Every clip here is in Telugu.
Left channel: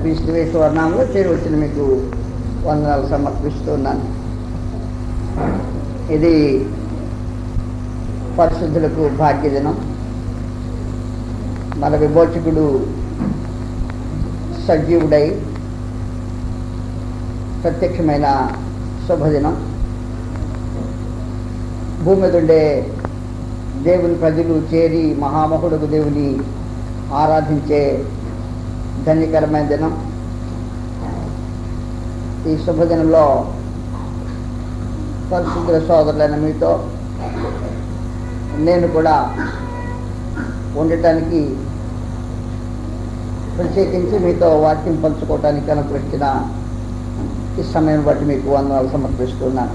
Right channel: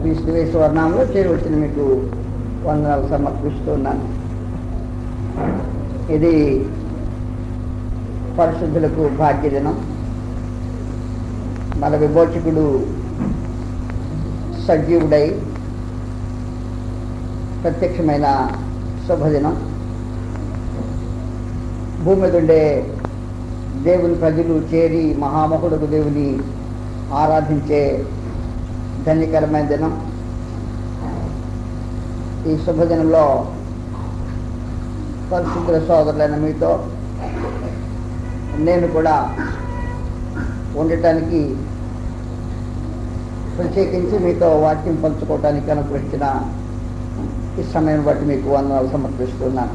క్రీస్తు యేసు నామములో చేరి వచ్చిన మీకు వందనాలు సమర్పిస్తున్నాను. ఇది పరిశుద్ధులకు భాగ్యదినం. మన విమోచకుడు సజీవుడై ప్రత్యక్షమైన శుభదినం. భూమి మీద ఉండే దేవుని ప్రజలు చేరి మహామహుడుకు దేవుని ఆరాధించే ధన్యకరమైన దినం. ఈ శుభదినంలో పరిశుద్ధ సోదరులైన మీతో నేను కూడా ఉండటానికి, ప్రత్యేకించి మీతో వాక్యం పంచుకోవటానికి అనుగ్రహించిన ఈ సమయం బట్టి మీకు వందనాలు సమర్పిస్తున్నాను.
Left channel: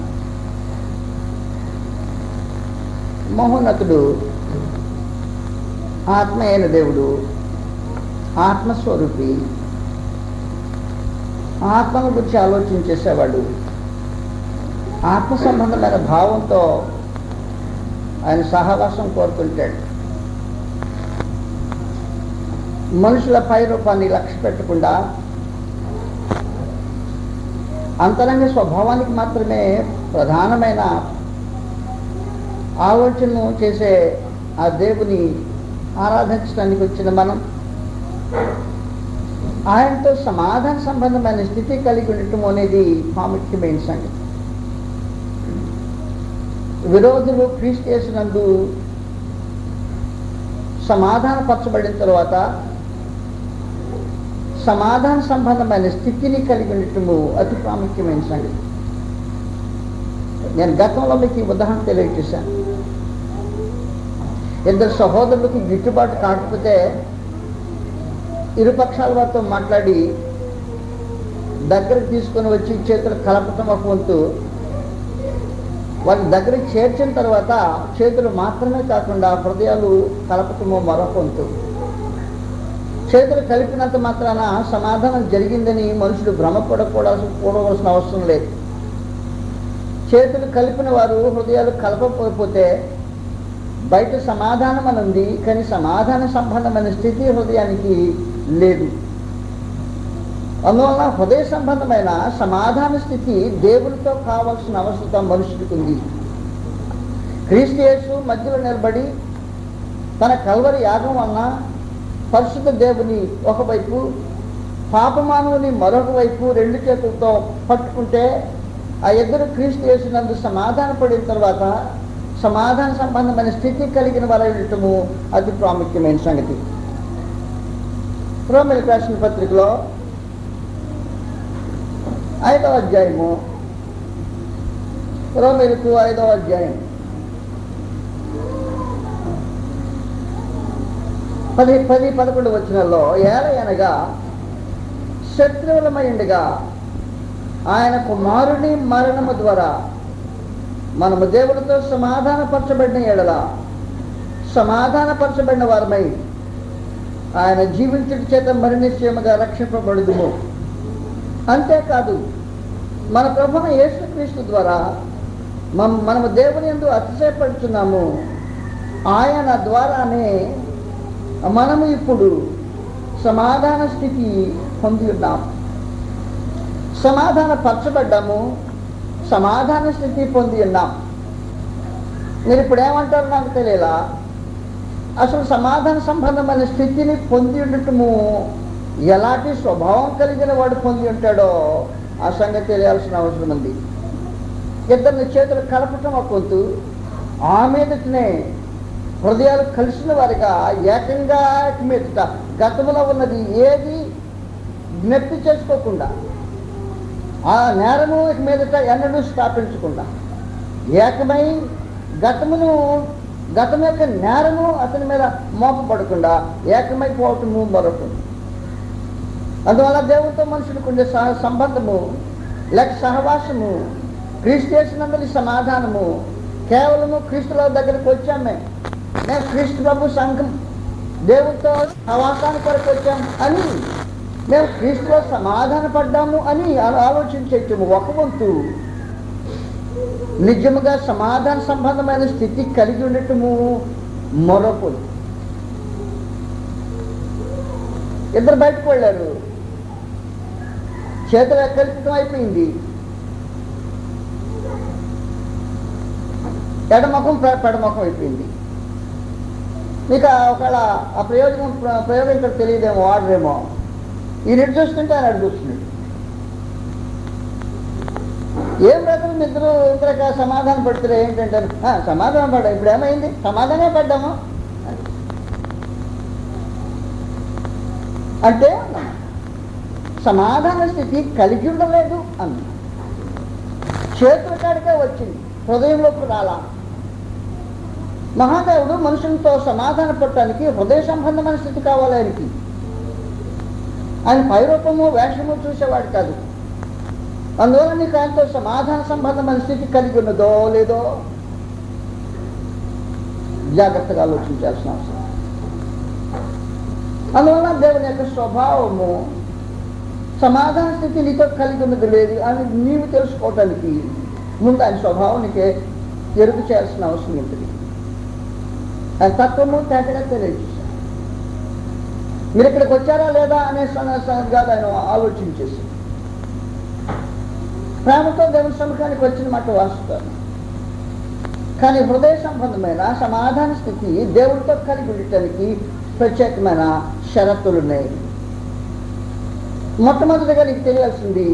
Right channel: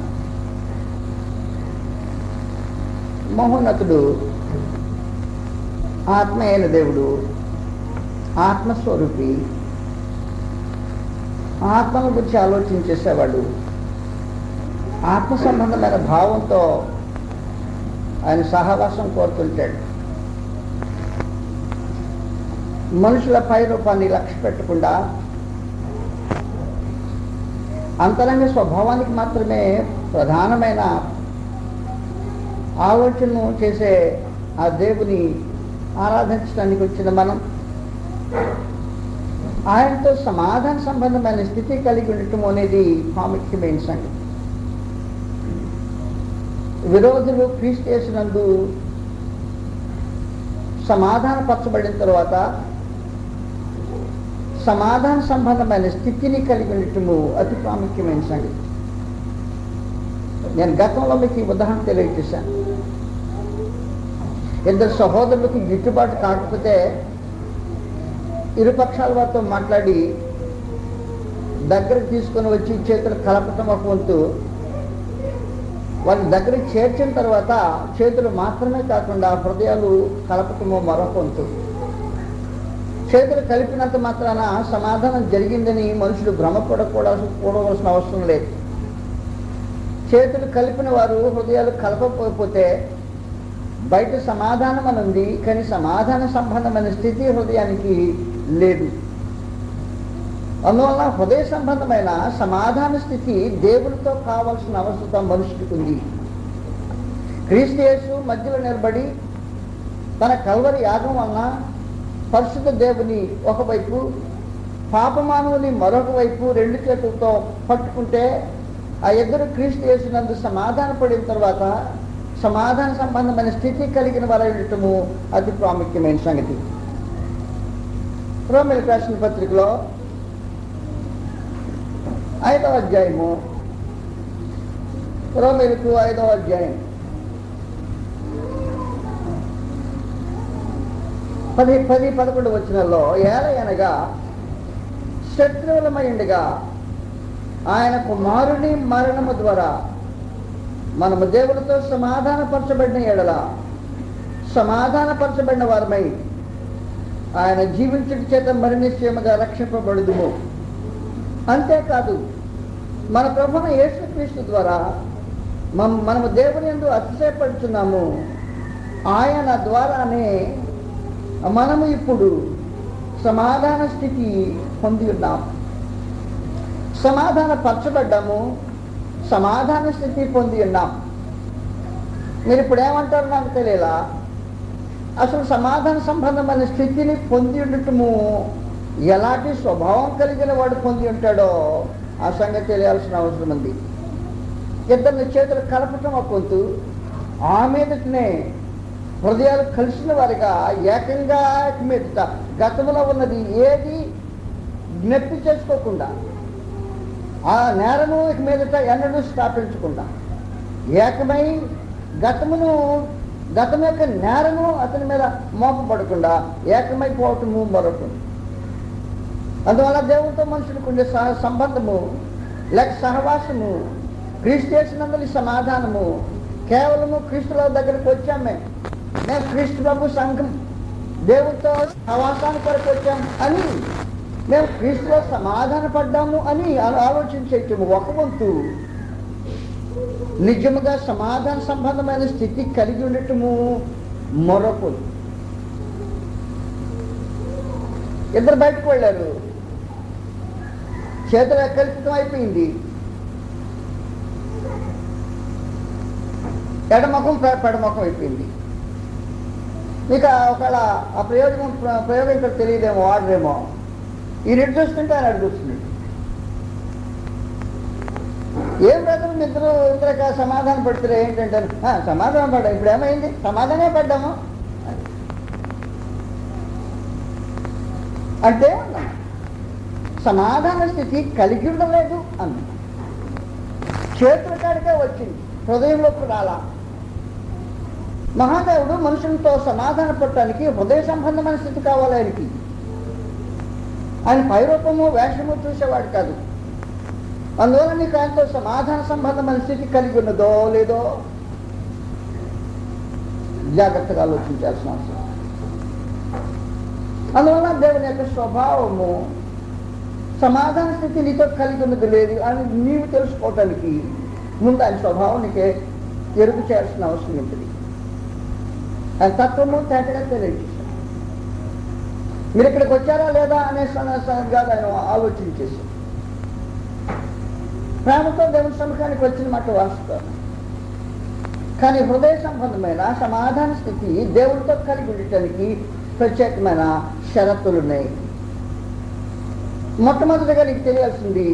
మహోన్నతుడు ఆత్మ అయిన దేవుడు, ఆత్మస్వరూపి, ఆత్మను గురించి ఆలోచించేసేవాడు. ఆత్మ సంబంధమైన భావంతో ఆయన సహవాసం కోరుతుంటాడు. మనుషుల పై రూపాన్ని లక్ష్య పెట్టకుండా అంతరంగ స్వభావానికి మాత్రమే ప్రధానమైన ఆలోచనను చేసే ఆ దేవుని ఆరాధించడానికి వచ్చిన మనం ఆయనతో సమాధాన సంబంధమైన స్థితి కలిగి ఉండటం అనేది ప్రాముఖ్యమైన సంగతి. విరోధులు క్రీస్తు యేసునందు సమాధానపరచబడిన తర్వాత సమాధాన సంబంధమైన స్థితిని కలిగి ఉండటము అతి ప్రాముఖ్యమైన సంగతి. నేను గతంలో మీకు ఈ ఉదాహరణ తెలియజేశాను. ఇద్దరు సహోదరులకు గిట్టుబాటు కాకపోతే ఇరుపక్షాల వారితో మాట్లాడి దగ్గరకు తీసుకొని వచ్చి చేతులు కలపటం ఒక వంతు, వాళ్ళ దగ్గరికి చేర్చిన తర్వాత చేతులు మాత్రమే కాకుండా హృదయాలు కలపటము మరొక వంతు. చేతులు కలిపినంత మాత్రాన సమాధానం జరిగిందని మనుషులు భ్రమపడకూడవలసిన అవసరం లేదు. చేతులు కలిపిన వారు హృదయాలు కలపకపోతే బయట సమాధానం అని ఉంది, కానీ సమాధాన సంబంధమైన స్థితి హృదయానికి లేదు. అందువలన హృదయ సంబంధమైన సమాధాన స్థితి దేవునితో కావాల్సిన అవసరం మనుషుడికి ఉంది. క్రీస్తు యేసు మధ్యలో నిలబడి తన కల్వరి యాగం వలన పరిశుద్ధ దేవుని ఒకవైపు, పాపమానవుని మరొక వైపు రెండు చేతులతో పట్టుకుంటే ఆ ఇద్దరు క్రీస్తు యేసునందు సమాధాన పడిన తర్వాత సమాధాన సంబంధమైన స్థితి కలిగిన వారటము అతి ప్రాముఖ్యమైన సంగతి. రోమీయులకు రాసిన పత్రికలో 5వ అధ్యాయము, రోమీయులకు 5వ అధ్యాయం 10-11 వచనాల్లో, ఏలయనగా శత్రువులమైండగా ఆయన కుమారుని మరణము ద్వారా మనము దేవుడితో సమాధానపరచబడిన ఎడల సమాధానపరచబడిన వారమై ఆయన జీవించుట చేత మరి నిశ్చయముగా రక్షింపబడుదుము. అంతేకాదు మన ప్రభువైన యేసుక్రీస్తు ద్వారా మనము దేవుని యందు అతిశయపడుచున్నాము. ఆయన ద్వారానే మనము ఇప్పుడు సమాధాన స్థితి పొంది ఉన్నాము. సమాధానపరచబడ్డాము, సమాధాన స్థితి పొంది ఉన్నాం. మీరు ఇప్పుడు ఏమంటారు నాకు తెలియలా. అసలు సమాధాన సంబంధమైన స్థితిని పొంది ఉండటము ఎలాంటి స్వభావం కలిగిన వాడు పొంది ఉంటాడో ఆ సంగతి తెలియాల్సిన అవసరం ఉంది. ఇద్దరిని చేతులు కలపటం ఒక వంతు, ఆ మీదటనే హృదయాలు కలిసిన వారిగా ఏకంగా మీదట గతంలో ఉన్నది ఏది జ్ఞప్తి చేసుకోకుండా, ఆ నేరము మీదట ఎన్నడూ స్థాపించకుండా ఏకమై గతం యొక్క నేరము అతని మీద మోపబడకుండా ఏకమైపోవటము మరొకటి. అందువల్ల దేవునితో మనుషులకు ఉండే సంబంధము లేక సహవాసము, క్రీస్తు యేసునందలి సమాధానము కేవలము క్రీస్తుల దగ్గరకు వచ్చామే, మేము క్రీస్తు ప్రభు సంఘం దేవునితో సహవాసానికి కొరకు వచ్చాము అని, మేము క్రీస్తులో సమాధాన పడ్డాము అని ఆలోచించేటము ఒక వంతు. నిజముగా సమాధాన సంబంధమైన స్థితి కలిగి ఉండటము మరొకటి. ఇద్దరు బయటకు వెళ్ళారు. చేతులు కల్పితం అయిపోయింది, ఎడముఖం పెడముఖం అయిపోయింది. మీకు ఒకవేళ ఆ ప్రయోగం ఇక్కడ తెలియదేమో, వాడరేమో. ఈ రెడ్డి చూస్తుంటే ఆయన అడు చూస్తుంది. ఏం రాదు ఇద్దరు ఇంతక సమాధానం పడుతున్నారు. ఏంటంటే సమాధానం పడ్డా, ఇప్పుడు ఏమైంది, సమాధానమే పడ్డాము అంటే సమాధాన స్థితి కలిగి ఉండలేదు అన్న. చేతుల కాడికే వచ్చింది, హృదయంలోకి రాలా. మహాదేవుడు మనుషులతో సమాధాన పడటానికి హృదయ సంబంధమైన స్థితి కావాలి ఆయనకి. ఆయన పైరూపము వేషము చూసేవాడు కాదు. అందువల్ల నీకు ఆయనతో సమాధాన సంబంధమైన స్థితి కలిగి ఉన్నదో లేదో జాగ్రత్తగా ఆలోచించాల్సిన అవసరం. అందువల్ల దేవుని యొక్క స్వభావము సమాధాన స్థితి నీతో కలిగి ఉన్నది లేదు అని నీవు తెలుసుకోవటానికి ముందు ఆయన స్వభావం నీకే ఎరుగు చేయాల్సిన అవసరం ఉంటుంది. ఆయన తత్వము తేటగా తెలియజేశారు. మీరు ఇక్కడికి వచ్చారా లేదా అనే సంగతిగా ఆయన ఆలోచించేసి ప్రేమతో దేవుని సముఖానికి వచ్చిన మాట వాస్తవం. కానీ హృదయ సంబంధమైన సమాధాన స్థితి దేవునితో కలిగి ఉండటానికి ప్రత్యేకమైన షరతులు ఉన్నాయి. మొట్టమొదటిగా నీకు తెలియాల్సింది,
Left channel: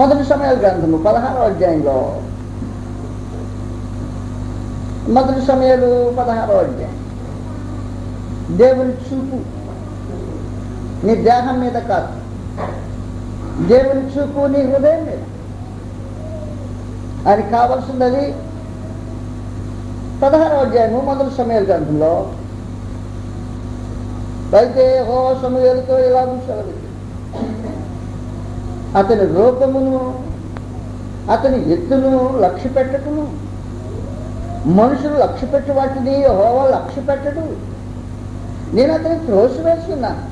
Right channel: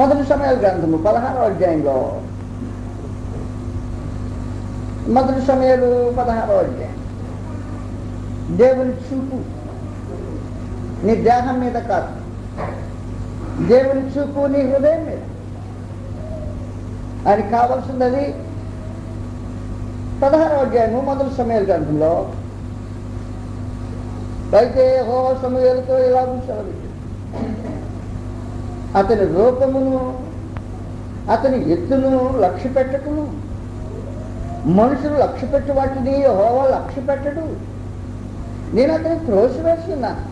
మొదటి సమయాల గ్రంథము 16వ అధ్యాయంలో, మొదటి సమయాలు 16వ అధ్యాయం, దేవుని చూపు నీ దేహం మీద కాదు, దేవుని చూపు నీ హృదయం మీద. ఆయనకి కావాల్సింది 16వ అధ్యాయము మొదటి సమయాల గ్రంథంలో. అయితే యెహోవా సమూయేలుతో ఇలాగూ సెలవిచ్చాడు, అతని రూపమును అతని ఎత్తును లక్ష్య పెట్టకును. మనుషులు లక్ష్య పెట్టి వాటిని యెహోవా లక్ష్య పెట్టడు. నేను అతని త్రోసివేస్తున్నాను.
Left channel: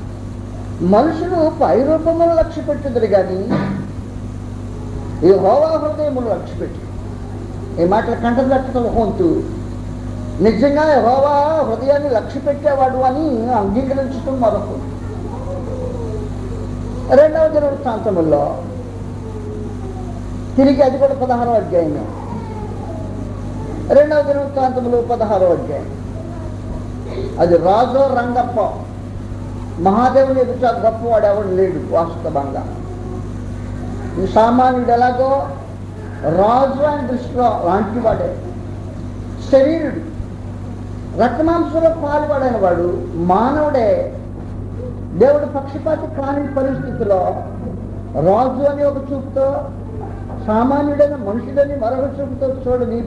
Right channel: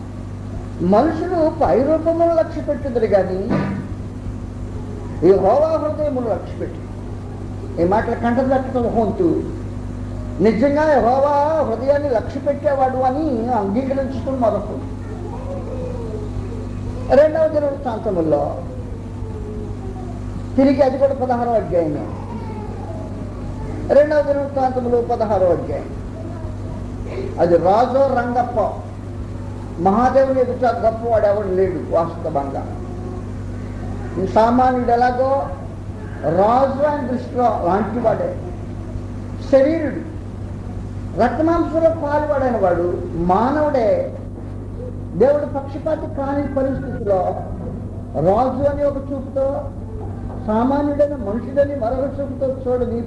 మనుషులు పై రూపమును లక్ష్య పెట్టుదురు కానీ యెహోవా హృదయమును లక్ష్య పెట్టి. ఈ మాటలు కంటదట్టడం హోంతు నిజంగా యెహోవా హృదయాన్ని లక్ష్య పెట్టేవాడు అని అంగీకరించడం మరొక. రెండవ దినవృత్తాంతముల్లో తిరిగి అది కూడా 16వ అధ్యాయం, రెండవ దినవృత్తాంతములు 16వ అధ్యాయం. అది రాజు రంగప్ప. మహాదేవుని ఎదుట గొప్పవాడు ఎవడు లేడు వాస్తవంగా. ఈ సామాన్యుడు ఎలాగో రాజు అని దృష్టిలో లాంటి వాడే. శరీరుడు, రక్తమాంసంలో పాలుపడైన వాడు మానవుడే. దేవుడు పక్షపాతి కాని పరిస్థితిలో రాజు అని ఒక చూపుతో, సామాన్యుడైన మనుషుడని మరొక చూపుతో చూడని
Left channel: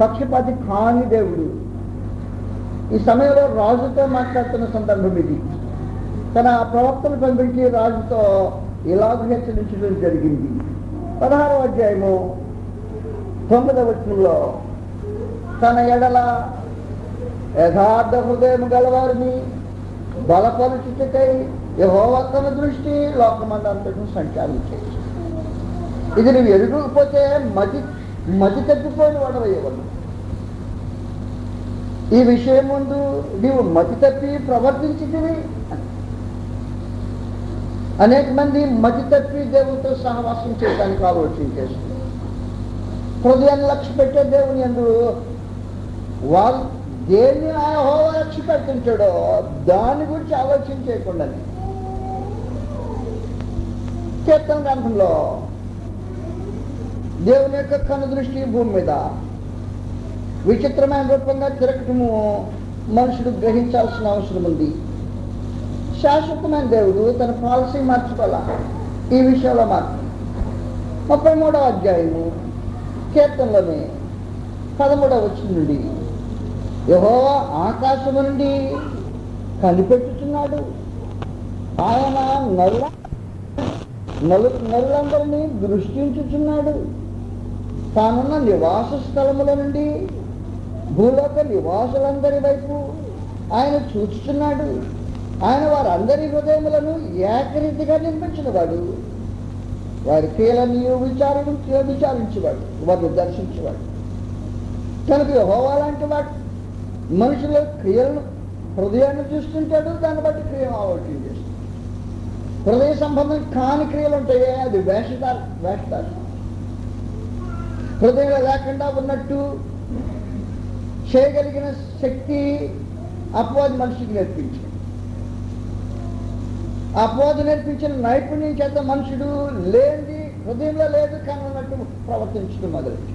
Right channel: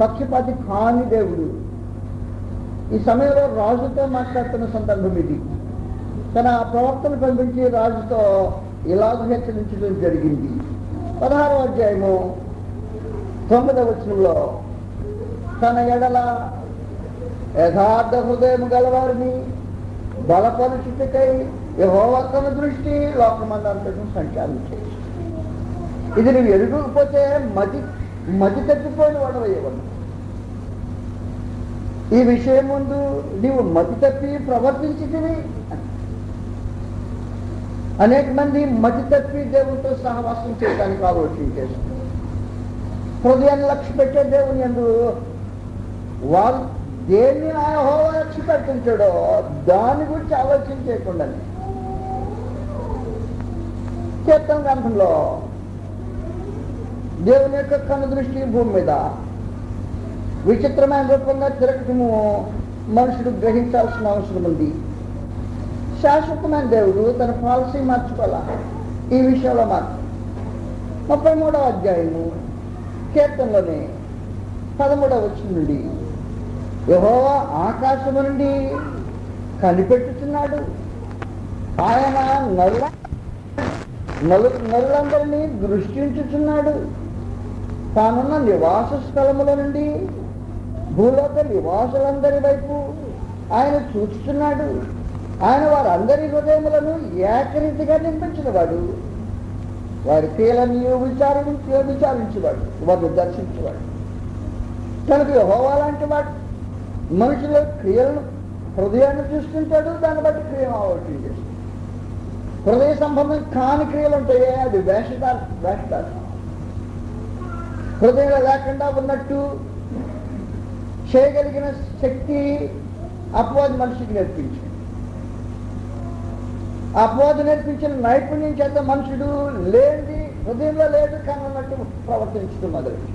పక్షపాతి కాని దేవుడు ఈ సమయంలో రాజుతో మాట్లాడుతున్న సందర్భం ఇది. తన ప్రవక్తను పంపించి రాజుతో ఇలాగ హెచ్చరించడం జరిగింది. 16వ అధ్యాయము 9వ వచనంలో, తన ఎడల యథార్థ హృదయం గలవారిని బలపరుచుటకై యెహోవా తన దృష్టి లోకమందంతటా సంచారించేది. ఇది నువ్వు ఎరుగుకపోతే మతి తప్పిపోయిన వాడవయ్యగలవు. ఈ విషయం ముందు నీవు మతి తప్పి ప్రవర్తించితివి. అనేక మంది మతి తప్పి దేవునితో సహవాసం చేయడానికి ఆలోచించేస్తుంది. హృదయాన్ని లక్ష్య పెట్టే దేవుని యందు వాళ్ళు దేన్ని యెహోవా లక్ష్య పెడుతుంటాడో దాని గురించి ఆలోచన చేయకుండా కీర్తన గ్రంథంలో దేవుని యొక్క కన్ను దృష్టి భూమి మీద విచిత్రమైన రూపంగా తిరగటము మనుషుడు గ్రహించాల్సిన అవసరం ఉంది. శాశ్వతమైన దేవుడు తన పాలసీ మార్చుకోవాలి ఈ విషయంలో మాత్రం. 33వ అధ్యాయము కీర్తనలోనే 13వ వచనం నుండి, యెహోవా ఆకాశము నుండి కనిపెట్టుచున్నాడు. ఆయన నరులందరినీ దృష్టించుచున్నాడు. తానున్న నివాస స్థలముల నుండి భూలోక నివాసులందరి వైపు ఆయన చూచుచున్నాడు. ఆయన వారందరి హృదయములను ఏకరీతిగా నింపించినవాడు. వారి క్రియలను విచారించేవాడు, వారిని దర్శించేవాడు. కనుక యెహోవా లాంటి వాడు మనుషుల క్రియలను హృదయాన్ని చూస్తుంటాడు, దాన్ని బట్టి క్రియను ఆలోచన చేస్తాడు. హృదయ సంబంధం కాని క్రియలు ఉంటాయే, అది వేషధార. హృదయంలో లేకుండా ఉన్నట్టు చేయగలిగిన శక్తి అపవాది మనిషికి నేర్పించింది. అపవాది నేర్పించిన నైపుణ్యం చేత మనుషుడు లేనిది హృదయంలో లేదు కానీ ఉన్నట్టు ప్రవర్తించడం మొదలెట్టి,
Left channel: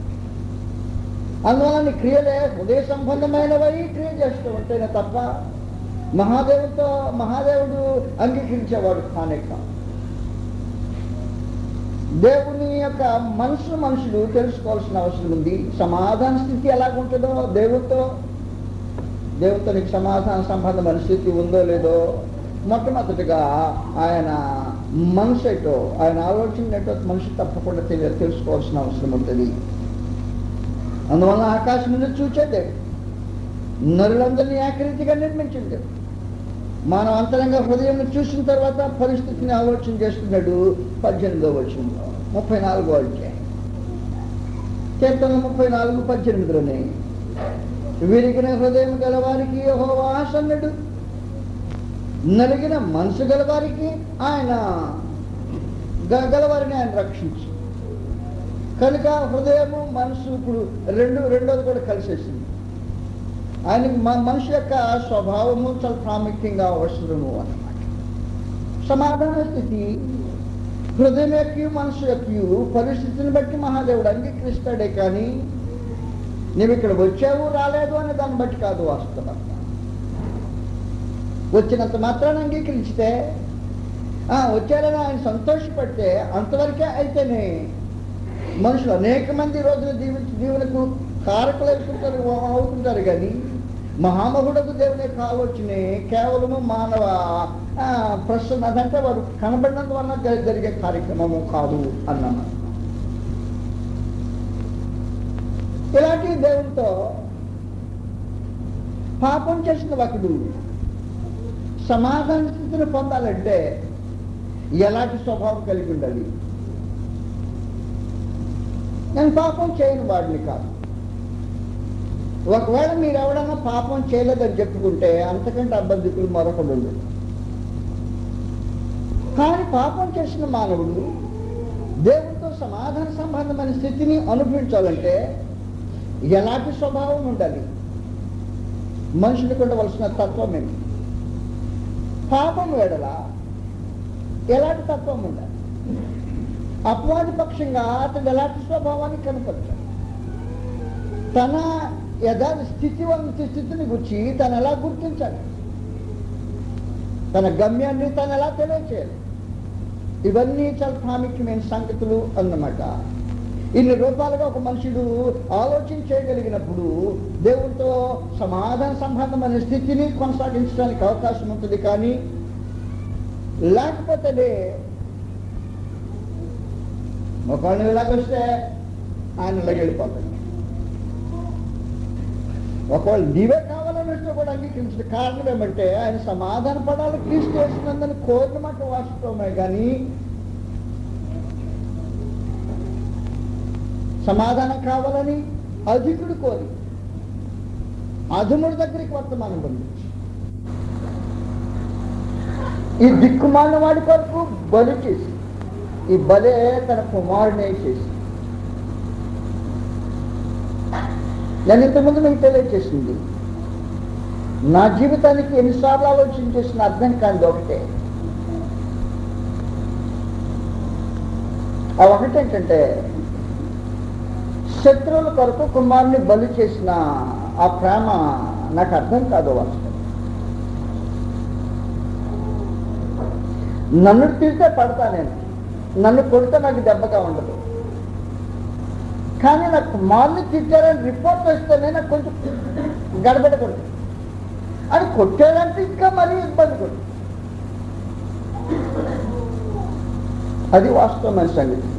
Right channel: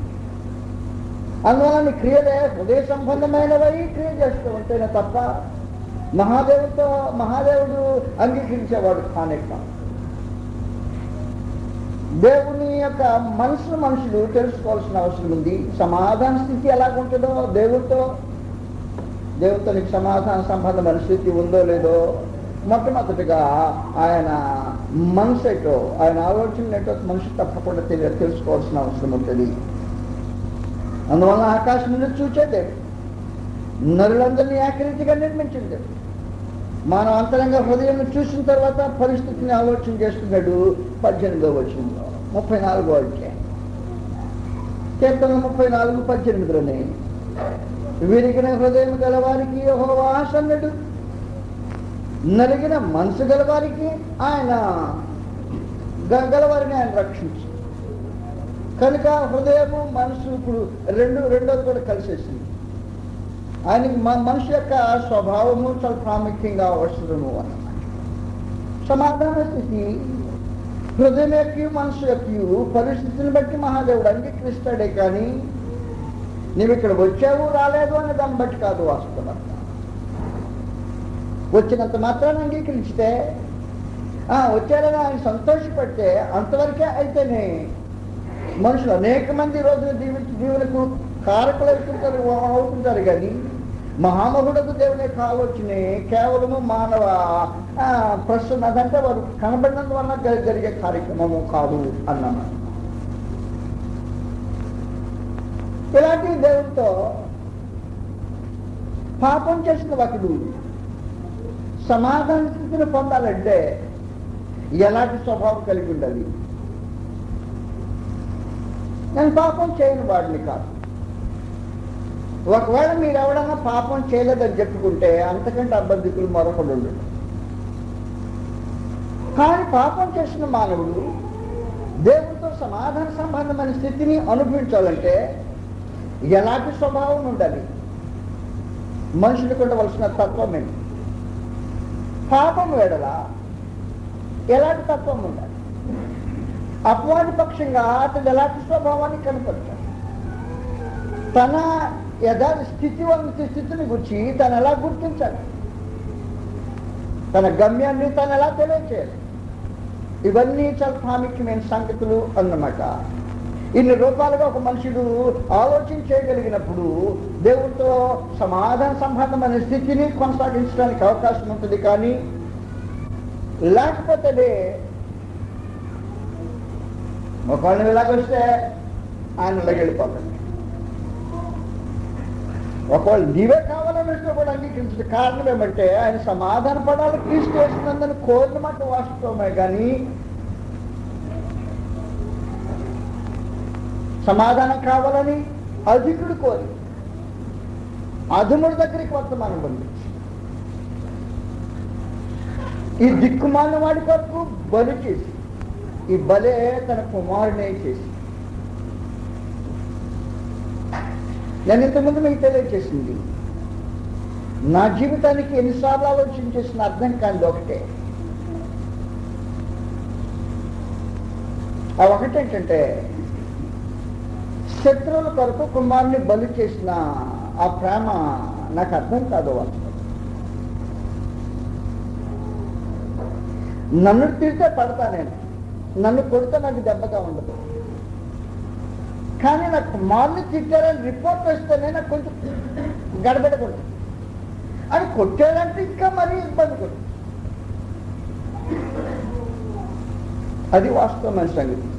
అందువల్ల క్రియలే హృదయ సంబంధమైనవై క్రియ చేస్తూ ఉంటేనే తప్ప మహాదేవుడు అంగీకరించేవాడు కానే కాదు. దేవుని యొక్క మనుషులు తెలుసుకోవాల్సిన అవసరం ఉంది. సమాధాన స్థితి ఎలాగుంటుందో దేవునితో నీకు సమాధాన సంబంధమైన స్థితి ఉందో లేదో మొట్టమొదటిగా ఆయన మనసు ఏంటో, ఆయన ఆలోచన ఏంటో మనిషి తప్పకుండా తెలుసుకోవాల్సిన అవసరం ఉంటుంది. అందువల్ల ఆకాశం నుండి చూచేదే నరులందరినీ ఏకరీతిగా నిర్మించింది. మనం అంతరంగా హృదయం చూసిన తర్వాత పరిస్థితిని ఆలోచన చేసుకున్నాడు. 18వ వచనంలో 34వ అధ్యాయం కీర్తన 34:18 విరిగిన హృదయం గలవారికి యెహోవా ఆసన్నుడు, నలిగిన మనసు గలవారికి గలవారిని ఆయన రక్షించు. కనుక హృదయము మనసు ఇప్పుడు రెండోది కూడా కలిసేసింది. ఆయన మనిషి యొక్క స్వభావము చాలా ప్రాముఖ్యంగా అవసరము అని. సమాధాన స్థితి హృదయం యొక్క మనసు యొక్క పరిస్థితిని బట్టి మహాదేవుడు అంగీకరిస్తాడే కానీ నీవు ఇక్కడ వచ్చావు రాలేదు అనే దాన్ని బట్టి కాదు. వాస్తవం వచ్చినంత మాత్రాన్ని అంగీకరించితే వచ్చారని ఆయన సంతోషపడితే అంతవరకే అయితేనే మనుషులు అనేక మంది రోజులు దీవులకు కారకులు అవుతుంటారు కానీ మహామహుడకు దేవుని యొక్క ఆలోచన కేవలము మానవ ప్రశ్న అదంటే వారు కనబడినందువల్ల జరిగే కార్యక్రమము కాదు అన్నాము. ఇలాంటి దేవునితో పాపం చేసిన ఒకడు సమాధాన స్థితిని పొందాలంటే ఎలాంటి స్వభావం కలిగి ఉండాలి? నేను పాపం చేయని వాడిని కాదు. ఒకవేళ మీరు ఎవడన్నా పాపం చేయలేదని చెప్పుకుంటే అంతకంటే అబద్ధికులు మరొకడు ఉండడు. కానీ పాపం చేసిన మానవుడు దేవుడితో సమాధాన సంబంధమైన స్థితిని అనుభవించాలంటే ఎలాంటి స్వభావం ఉండాలి? మనుషులకు ఉండవలసిన తత్వం ఏంటి? పాపం వేడల ఎలాంటి తత్వం ఉండాలి? అపవాది పక్షంగా అతను ఎలాంటి స్వభావాన్ని కనపరచాలి? తన స్థితిని గురించి తను ఎలా గుర్తించాలి? తన గమ్యాన్ని తను ఎలా తెలియచేయాలి? ఇవన్నీ చాలా ప్రాముఖ్యమైన సంగతులు అన్నమాట. ఇన్ని రూపాలుగా ఒక మనుషుడు ఆలోచన చేయగలిగినప్పుడు దేవునితో సమాధాన సంబంధమైన స్థితిని కొనసాగించడానికి అవకాశం ఉంటుంది. కానీ లేకపోతే ఒకళ్ళు ఇలాగొస్తే ఆయన వెళ్ళిపోతాడు. ఒకవేళ నీవే కావాలని కూడా అంగీకరించిన కారణం ఏమంటే ఆయన సమాధాన పడాలి క్రీస్తు చేసినందుని కోరిన మాట వాస్తవమే కానీ సమాధానం కావాలని అధికుడు కోరి అధముడి దగ్గరికి వర్తమానం పంపించి ఈ దిక్కుమాలిన వాడి కొరకు బలి చేసి ఈ బలే తన కుమారునే చేసి నేను ఇంతకుముందు మీకు తెలియజేసింది. నా జీవితానికి ఎన్నిసార్లు ఆలోచన చేసిన అర్థం కానిది ఒకటే. ఆ ఒకటేంటంటే శత్రువుల కొరకు కుమారుని బలి చేసిన ఆ ప్రేమ నాకు అర్థం కాదు. నన్ను తిరిగితే పడతా, నేను నన్ను కొడితే నాకు దెబ్బగా ఉండదు. కానీ నాకు కుమారుని తిట్టారని రిపోర్ట్ వస్తేనే నాకు కొంచెం గడబెడకూడదు అని కొట్టాడంటే ఇంకా మరీ ఇబ్బంది కొడు. అది వాస్తవమైన సంగతి.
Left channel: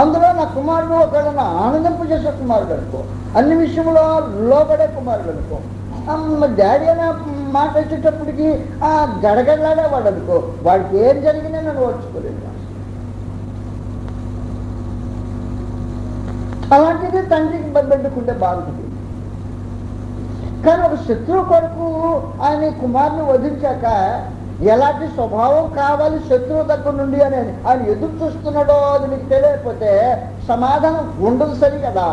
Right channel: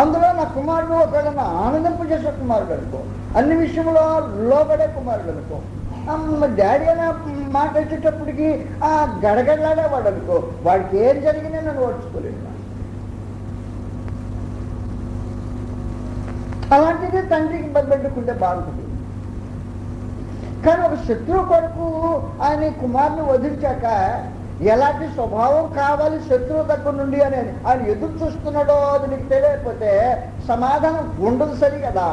అందులో నా కుమారుడు ఒకవేళ ఆనందింపజేసే కుమారుడు అనుకో, అన్ని విషయంలో లోబడే కుమారుడు అనుకో, డాడీ అనే మాట వచ్చేటప్పటికి గడగడలాడేవాడు అనుకో, వాడికి ఏం జరిగినా నన్ను ఓడ్చుకోలేదు. అలాంటిది తండ్రికి పెట్టుకుంటే బాగుంటుంది. కానీ ఒక శత్రువు కొరకు ఆయన కుమారుని వధించాక ఎలాంటి స్వభావం కావాలి శత్రువు దగ్గర నుండి అని ఆయన ఎదురు చూస్తున్నాడో అది నీకు తెలియకపోతే సమాధానం ఉండదు. సరి కదా,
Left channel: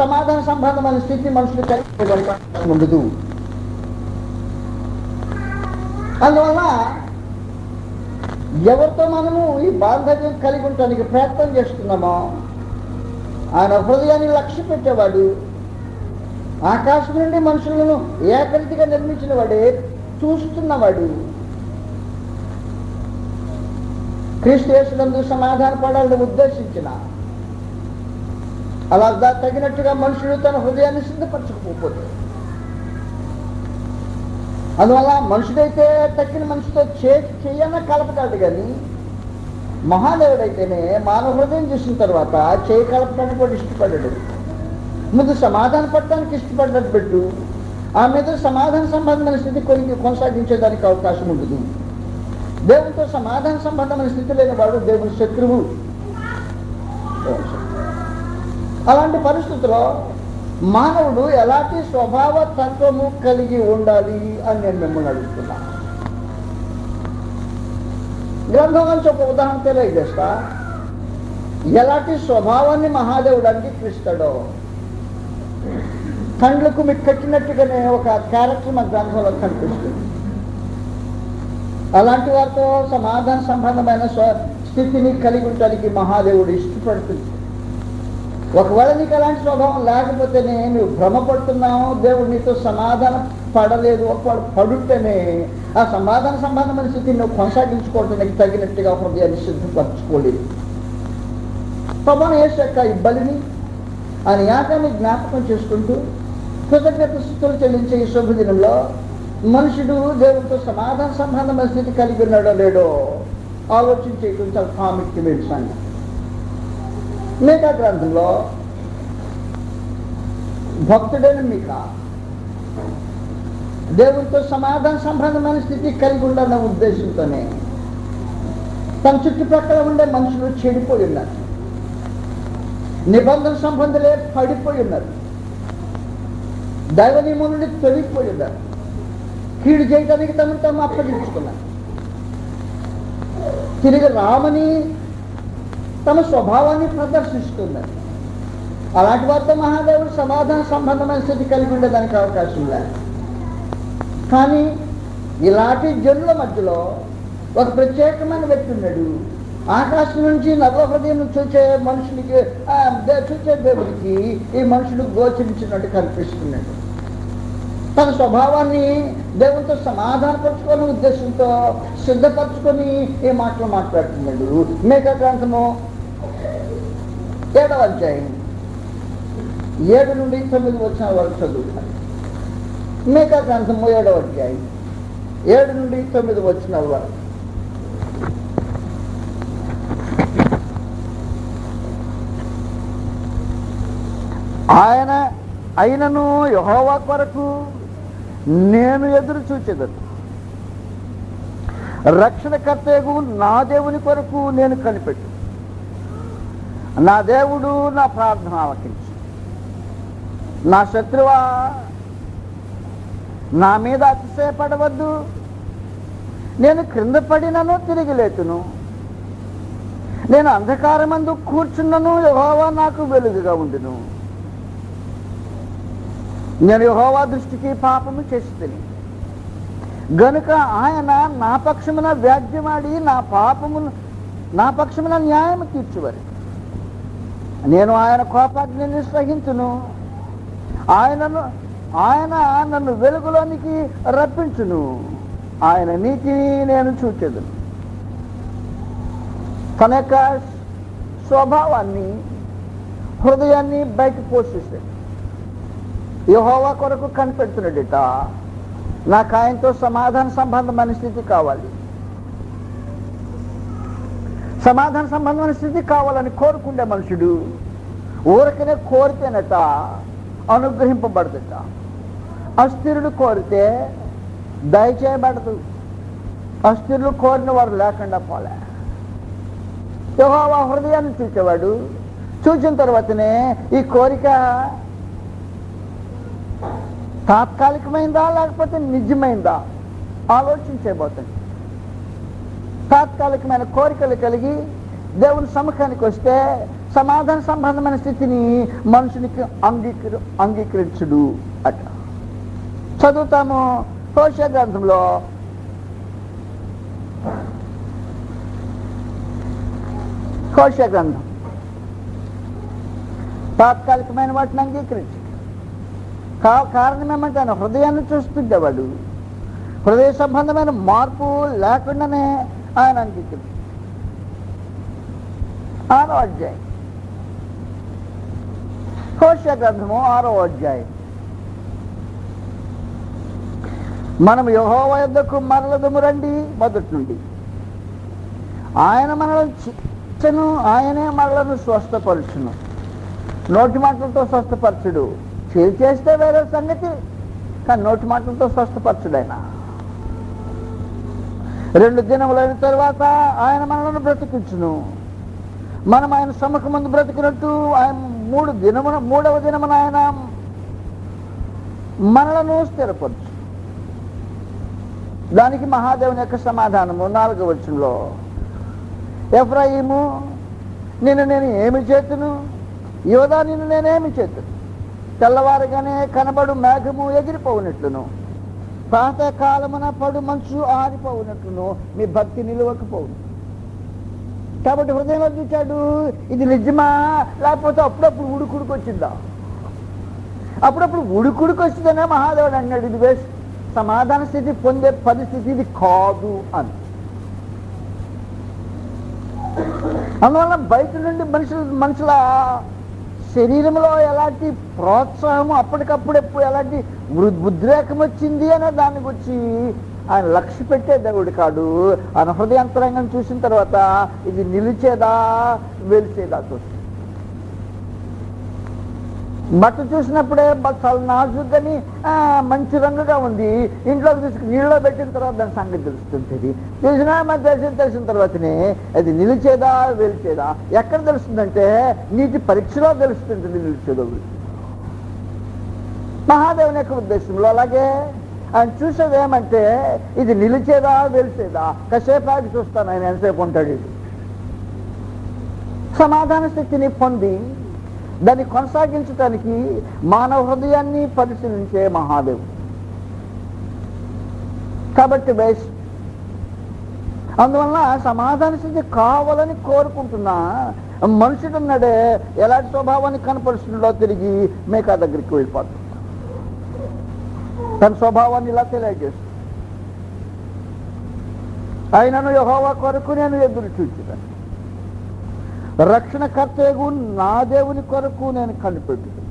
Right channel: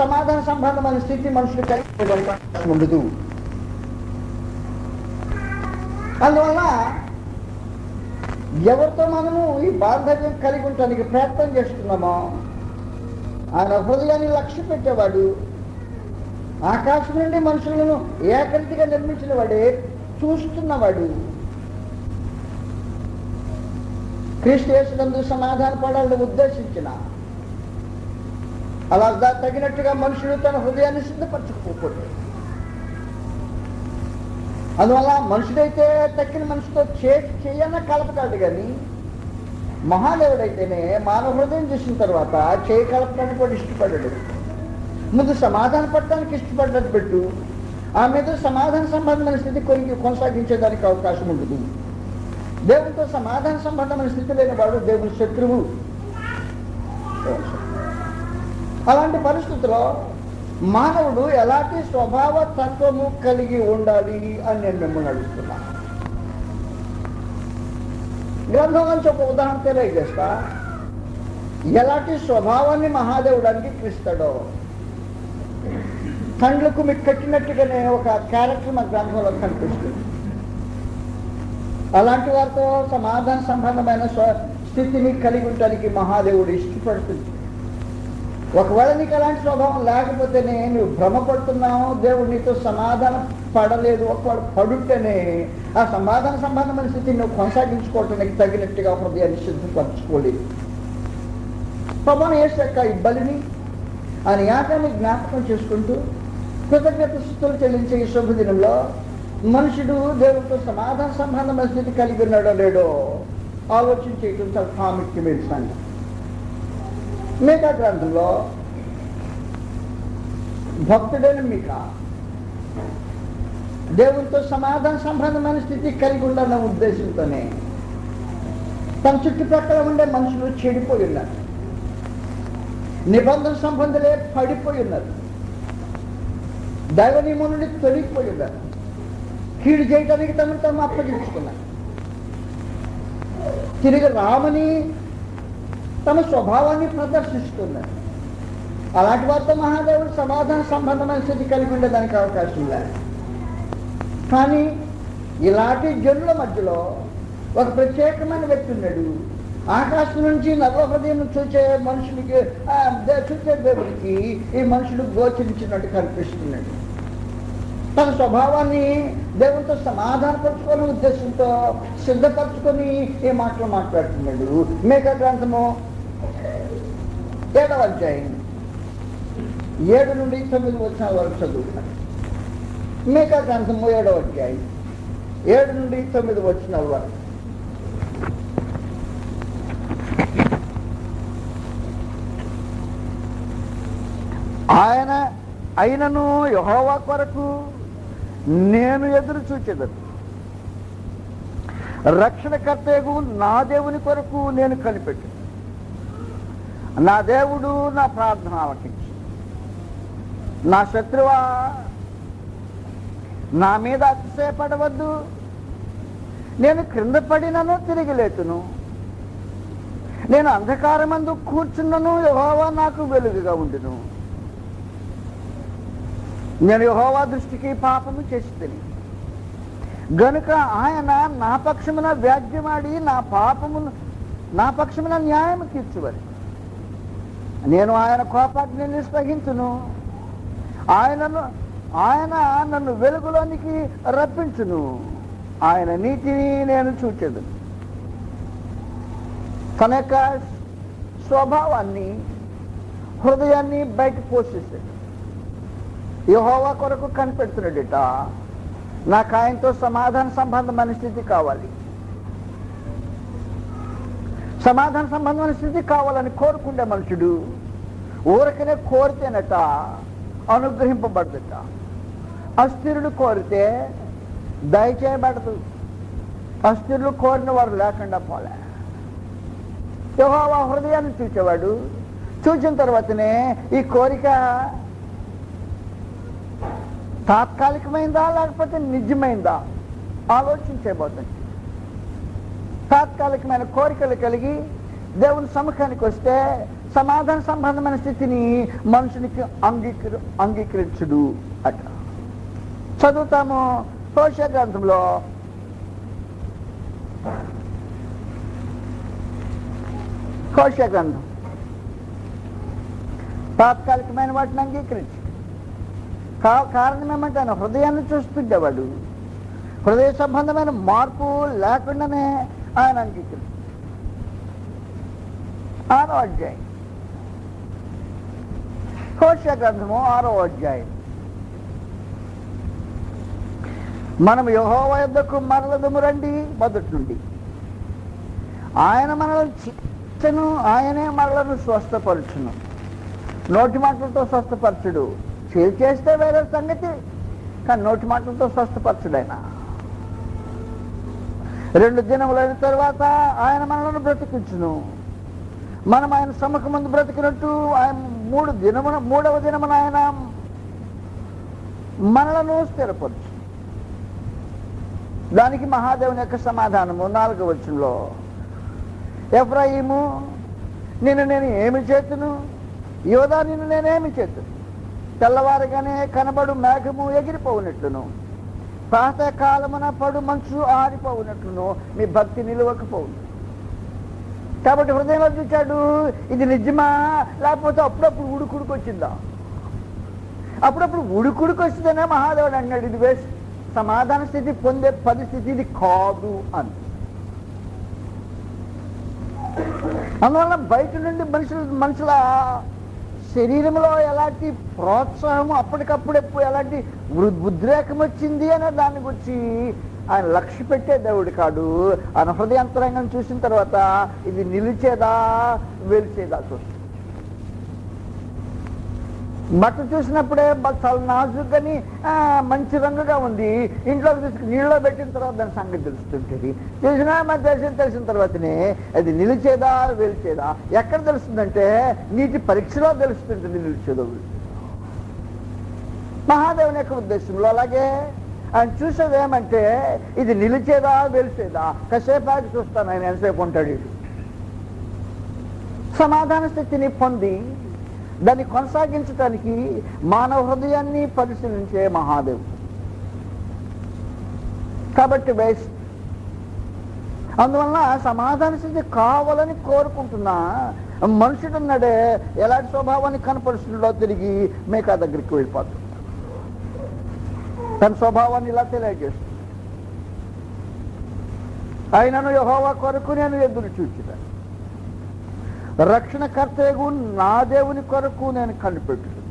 సమాధాన సంబంధమైన స్థితి మనుషులు కలిగి ఉండదు. అందువల్ల ఎవరితో మనము ఈ బాంధవ్యం కలిగి ఉండటానికి ప్రయత్నం చేస్తున్నామో ఆయన హృదయాన్ని లక్ష్య పెట్టేవాడు, ఆకాశం నుండి మనుషులను ఏకరీతిగా నిర్మించిన వాడే, చూస్తున్నవాడు, క్రీస్తు యేసునందు సమాధాన పడాలని ఉద్దేశించిన అలా తగినట్టుగా మనుషులు తన హృదయాన్ని సిద్ధపరచకపోతే, అందువల్ల మనుషుడైతే తక్కిన మనిషితో చేయన కలపకాదు. కానీ మహాదేవుడైతేనే మానవ హృదయం చూసిన తర్వాత చేయి కలపడానికి కూడా ఇష్టపడ్డాడు. ముందు సమాధాన పడటానికి ఇష్టపడ్డట్టు పెట్టు, ఆ మీద సమాధాన సంబంధమైన స్థితి కొనసాగించేదానికి అవకాశం ఉండదు. దేవునితో సమాధాన సంబంధమైన స్థితి లేని వాడు దేవుని శత్రువు. అలాంటి పరిస్థితుల్లో మానవుడు ఎలాంటి స్వభావ తత్వము కలిగి ఉండాలి అని నేను మిమ్మల్ని అడుగుతున్నా. గ్రంథం నుంచి ఒక ఉదాహరణ తెలియజేస్తా. ఎలాంటి స్వభావాన్ని మహాదేవుడు అంగీకరిస్తాడో కండ్లకు మీకు కట్టినట్టుగానే ఒక క్యారెక్టర్ మన గ్రంథంలో కనిపిస్తుంది. అలాంటి వారితో సమాధాన సంబంధమైన స్థితిని కలిగి ఉండడానికి మహాదేవుడు ఇష్టపడుతుంది. ఒకవేళ నీకు అలాంటి స్వభావం లేకపోతేనే నువ్వు భ్రమపడుతున్నావు, దేవుడు నీతో సమాధానం పడలేదు. ఒకవేళ పడుంటేనే ఆ సమాధాన సంబంధమైన స్థితిని నువ్వు కొనసాగించుకోవటానికి తగినట్టుగా హృదయాన్ని సిద్ధపరచుకోలేదు. ప్రభువైన యేసు యొక్క ఈ బలిని ఆయన యాగాన్ని జ్ఞాపకం చేసుకుంటూ కృతజ్ఞత స్తుతులు చెల్లించే ఈ శుభదినంలో మనుషుడు దేవుడితో సమాధాన సంబంధమైన స్థితి కలిగి ఉన్నాడో లేడో ఆలోచించేయటం చాలా ప్రాముఖ్యమైన సంగతి. మీకా గ్రంథంలో భక్తుడైన మీకా దేవునితో సమాధాన సంబంధమైన స్థితి కలిగి ఉండాలన్న ఉద్దేశంతోనే తన చుట్టుపక్కల ఉండే మనుషులు చెడిపోయి ఉన్నారు, నిబంధన సంబంధులే పడిపోయి ఉన్నారు, దైవ నియమం నుండి తొలగిపోయి ఉన్నారు, కీడు చేయడానికి తమను తాము అప్పగించుకున్నారు, తిరిగి రామని తమ స్వభావాన్ని ప్రదర్శిస్తున్నారు. అలాంటి వారితో మహాదేవుడు సమాధాన సంబంధమైన స్థితి కలిగి ఉండేదానికి అవకాశం లేదు. కానీ ఇలాంటి జనుల మధ్యలో ఒక ప్రత్యేకమైన వ్యక్తి ఉన్నాడు. ఆకాశం నుంచి నర్వ హృదయం చూసే మనుషునికి చూసే దేవుడికి ఈ మనుషుడు గోచరించినట్టు కనిపిస్తున్నాడు. తన స్వభావాన్ని దేవునితో సమాధానపరచుకునే ఉద్దేశంతో సిద్ధపరచుకొని ఈ మాటలు మాట్లాడుతున్నాడు. మీకా గ్రంథము 7వ అధ్యాయం 7 నుండి 9 వచ్చిన వరకు చదువుతాను. మీకా గ్రంథము 7వ అధ్యాయం 7 నుండి 9 వచ్చిన వరకు. అయినను యెహోవా కొరకు నేను ఎదురు చూచెదను, రక్షణకర్తయగు నా దేవుని కొరకు నేను కనిపెట్టు. నా దేవుడు నా ప్రార్థన ఆలకించు. నా శత్రువా, నా మీద అతిశయపడవద్దు. నేను క్రింద పడినను తిరిగి లేతును, నేను అంధకారమందు కూర్చున్నను, యెహోవా నాకు వెలుగుగా ఉండును. నేను యెహోవా దృష్టికి పాపము చేసితిని గనుక ఆయన నా పక్షమున వ్యాజ్యమాడి నా పక్షమున న్యాయము తీర్చువరి. నేను ఆయన కోపాగ్నిని సహించును. ఆయన నన్ను వెలుగులోనికి రప్పించును. ఆయన నీతిని నేను చూచెదను. తన యొక్క స్వభావాన్ని, హృదయాన్ని బయట పోషిస్తాడు. యెహోవా కొరకు కనిపెడుతున్నాడట. నాకు ఆయనతో సమాధాన సంబంధమైన స్థితి కావాలి. సమాధాన సంబంధమైన స్థితి కావాలని కోరుకుండే మనుషుడు ఊరకనే కోరితేనట అనుగ్రహింపబడదట. అస్థిరుడు కోరితే దయచేయబడదు. అస్థిరులు కోరిన వారు లేకుండా పోలే. యెహోవా హృదయాన్ని చూసేవాడు. చూసిన తర్వాతనే ఈ కోరిక తాత్కాలికమైందా లేకపోతే నిజమైందా ఆలోచించబోతుంది. తాత్కాలికమైన కోరికలు కలిగి దేవుని సముఖానికి వస్తే సమాధాన సంబంధమైన స్థితిని మనుషునికి అంగీకరించుడు అట. చదువుతాము హోషేయ గ్రంథంలో హోషేయ గ్రంథం. తాత్కాలికమైన వాటిని అంగీకరించి కారణం ఏమంటే ఆయన హృదయాన్ని చూస్తుండేవాడు. హృదయ సంబంధమైన మార్పు లేకుండానే ఆయన అంగీకరించి 6వ అధ్యాయం హోషేయ గ్రంథము 6వ అధ్యాయం. మనం యెహోవా యొద్దకు మరలదము రండి. మొదటి నుండి ఆయన మనల్ని చిచ్చను, ఆయనే మనలను స్వస్థపరచును. నోటి మాటలతో స్వస్థపరచుడు, చేస్తే వేరే సంగతి, కానీ నోటి మాటలతో స్వస్థపరచుడు. ఆయన 2 దినములైన తర్వాత ఆయన మనల్ని బ్రతికించును. మనం ఆయన సముఖం ముందు బ్రతికినట్టు ఆయన 3వ దినమున ఆయన మనలను స్థిరపరచు. దానికి మహాదేవుని యొక్క సమాధానము 4వ వచనంలో, ఎఫ్రాయిము నిన్ను నేను ఏమి చేతును, యోధా నిన్ను నేనేమి చేతును. తెల్లవారుగానే కనబడు మేఘము ఎగిరిపోవునట్లును, ప్రాతः కాలమున పడు మంచు ఆరిపోవునట్లును నీ భక్తి నిలవకపోవు. కాబట్టి హృదయంలో చూచాడు, ఇది నిజమా లేకపోతే అప్పుడప్పుడు ఉడుకుడికి వచ్చిందా? అప్పుడప్పుడు ఉడుకుడికి వచ్చిందనే మహాదేవుడు అన్నాడు, ఇది వేస్ట్, సమాధాన స్థితి పొందే పరిస్థితి ఇది కాదు అని. అందువల్ల బయట నుండి మనుషుల శరీరంలో ఎలాంటి ప్రోత్సాహము అప్పటికప్పుడు ఎలాంటి ఉద్రేకం వచ్చింది అనే దాన్ని గురించి ఆయన లక్ష్య పెట్టే దేవుడు కాడు. ఆయన హృదయాంతరంగం చూసిన తర్వాత ఇది నిలిచేదా వెలిచేదా చూస్తాం. బట్ట చూసినప్పుడే చాలా నాజుగ్గాని మంచి రంగుగా ఉంది, ఇంట్లోకి తీసుకుని నీళ్ళలో పెట్టిన తర్వాత దాని సంగతి తెలుస్తుంటుంది. తెలిసిన తర్వాతనే అది నిలిచేదా వెలిచేదా ఎక్కడ తెలుస్తుందంటే నీటి పరీక్షలో తెలుస్తుంటుంది నిలిచేదో. మహాదేవుని యొక్క ఉద్దేశంలో అలాగే ఆయన చూసేది ఏమంటే ఇది నిలిచేదా వెలిచేదా, కాసేపు ఆగి చూస్తాను ఆయన ఎంతసేపు ఉంటాడు. సమాధాన స్థితిని పొంది దాన్ని కొనసాగించడానికి మానవ హృదయాన్ని పరిశీలించే మహాదేవుడు. కాబట్టి వేస్ట్. అందువల్ల సమాధాన స్థితి కావాలని కోరుకుంటున్నా మనుషుడు ఉన్నాడే ఎలాంటి స్వభావాన్ని కనపరుస్తుండో తిరిగి మేకా దగ్గరికి వెళ్ళిపోతుంది. తన స్వభావాన్ని ఇలా తెలియజేస్తుంది, ఆయనను యెహోవా కొరకు నేను ఎదురు చూచుతాను, రక్షణకర్తకు నా దేవుని కొరకు నేను కనిపెట్టుతాను.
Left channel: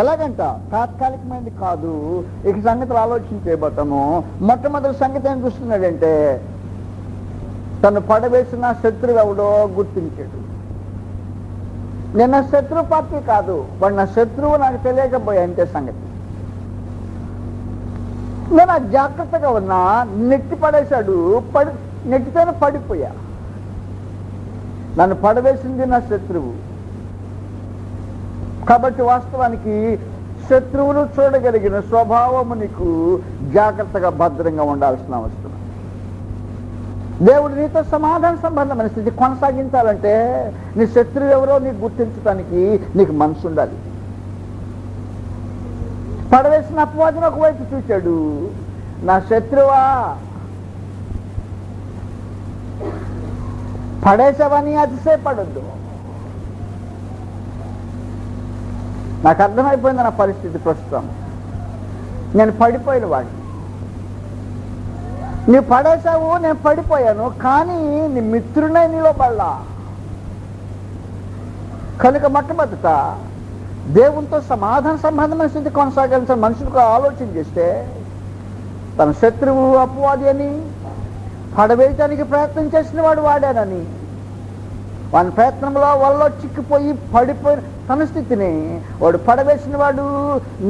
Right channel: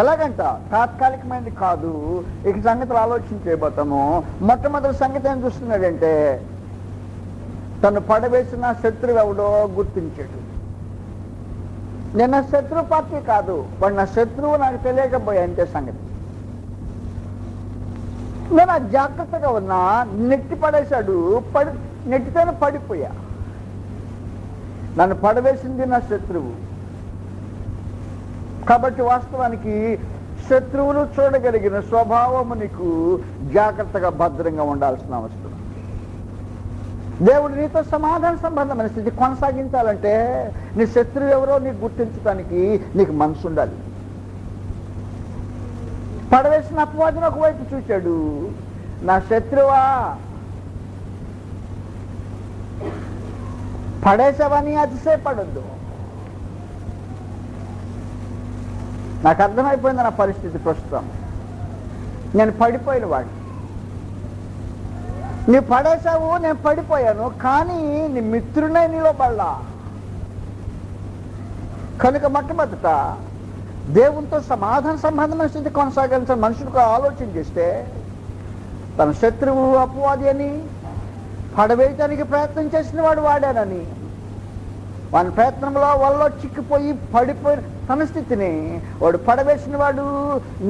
ఎలాగంట తాత్కాలికమైనది కాదు. ఇక సంగతులు ఆలోచించేపోతాము. మొట్టమొదటి సంగతి ఏం చూస్తున్నాడంటే తను పడవేసిన శత్రువు ఎవడో గుర్తించాడు. నేను శత్రు పార్టీ కాదు, వాడు నా శత్రువు నాకు తెలియకపోయా అంటే సంగతి. నేను జాగ్రత్తగా ఉన్నా, నెట్టి పడేశాడు, నెట్టితోనే పడిపోయా. నన్ను పడవేసింది నా శత్రువు. కాబట్టి వాస్తవానికి శత్రువును చూడగలిగిన స్వభావము నీకు జాగ్రత్తగా భద్రంగా ఉండాల్సిన అవసరం. దేవుడు నీతో సమాధాన సంబంధమైన స్థితి కొనసాగించాలంటే నీ శత్రువు ఎవరో నీకు గుర్తించడానికి నీకు మనసు ఉండాలి. పడవేసిన అపవాదిని ఒకవైపు చూశాడు, నా శత్రువా పడేసావని అతిశయపడొద్దు. నాకు అర్థమైపోయింది నా పరిస్థితి ప్రస్తుతం. నేను పడిపోయిన వాడిని, నువ్వు పడేసావు, నేను పడిపోయాను, కానీ నీ మిత్రునే నీలో పడలా. కనుక మొట్టమొదట దేవునితో సమాధాన సంబంధమైన స్థితి కొనసాగాల్సిన మనుషులకు ఆలోచన చేస్తే తన శత్రువు అపవాది అని, పడవేయటానికి ప్రయత్నం చేసిన వాడు వాడానని, వాని ప్రయత్నంలో వాళ్ళలో చిక్కిపోయి పడిపోయిన తన స్థితిని వాడు పడవేసిన వాడు,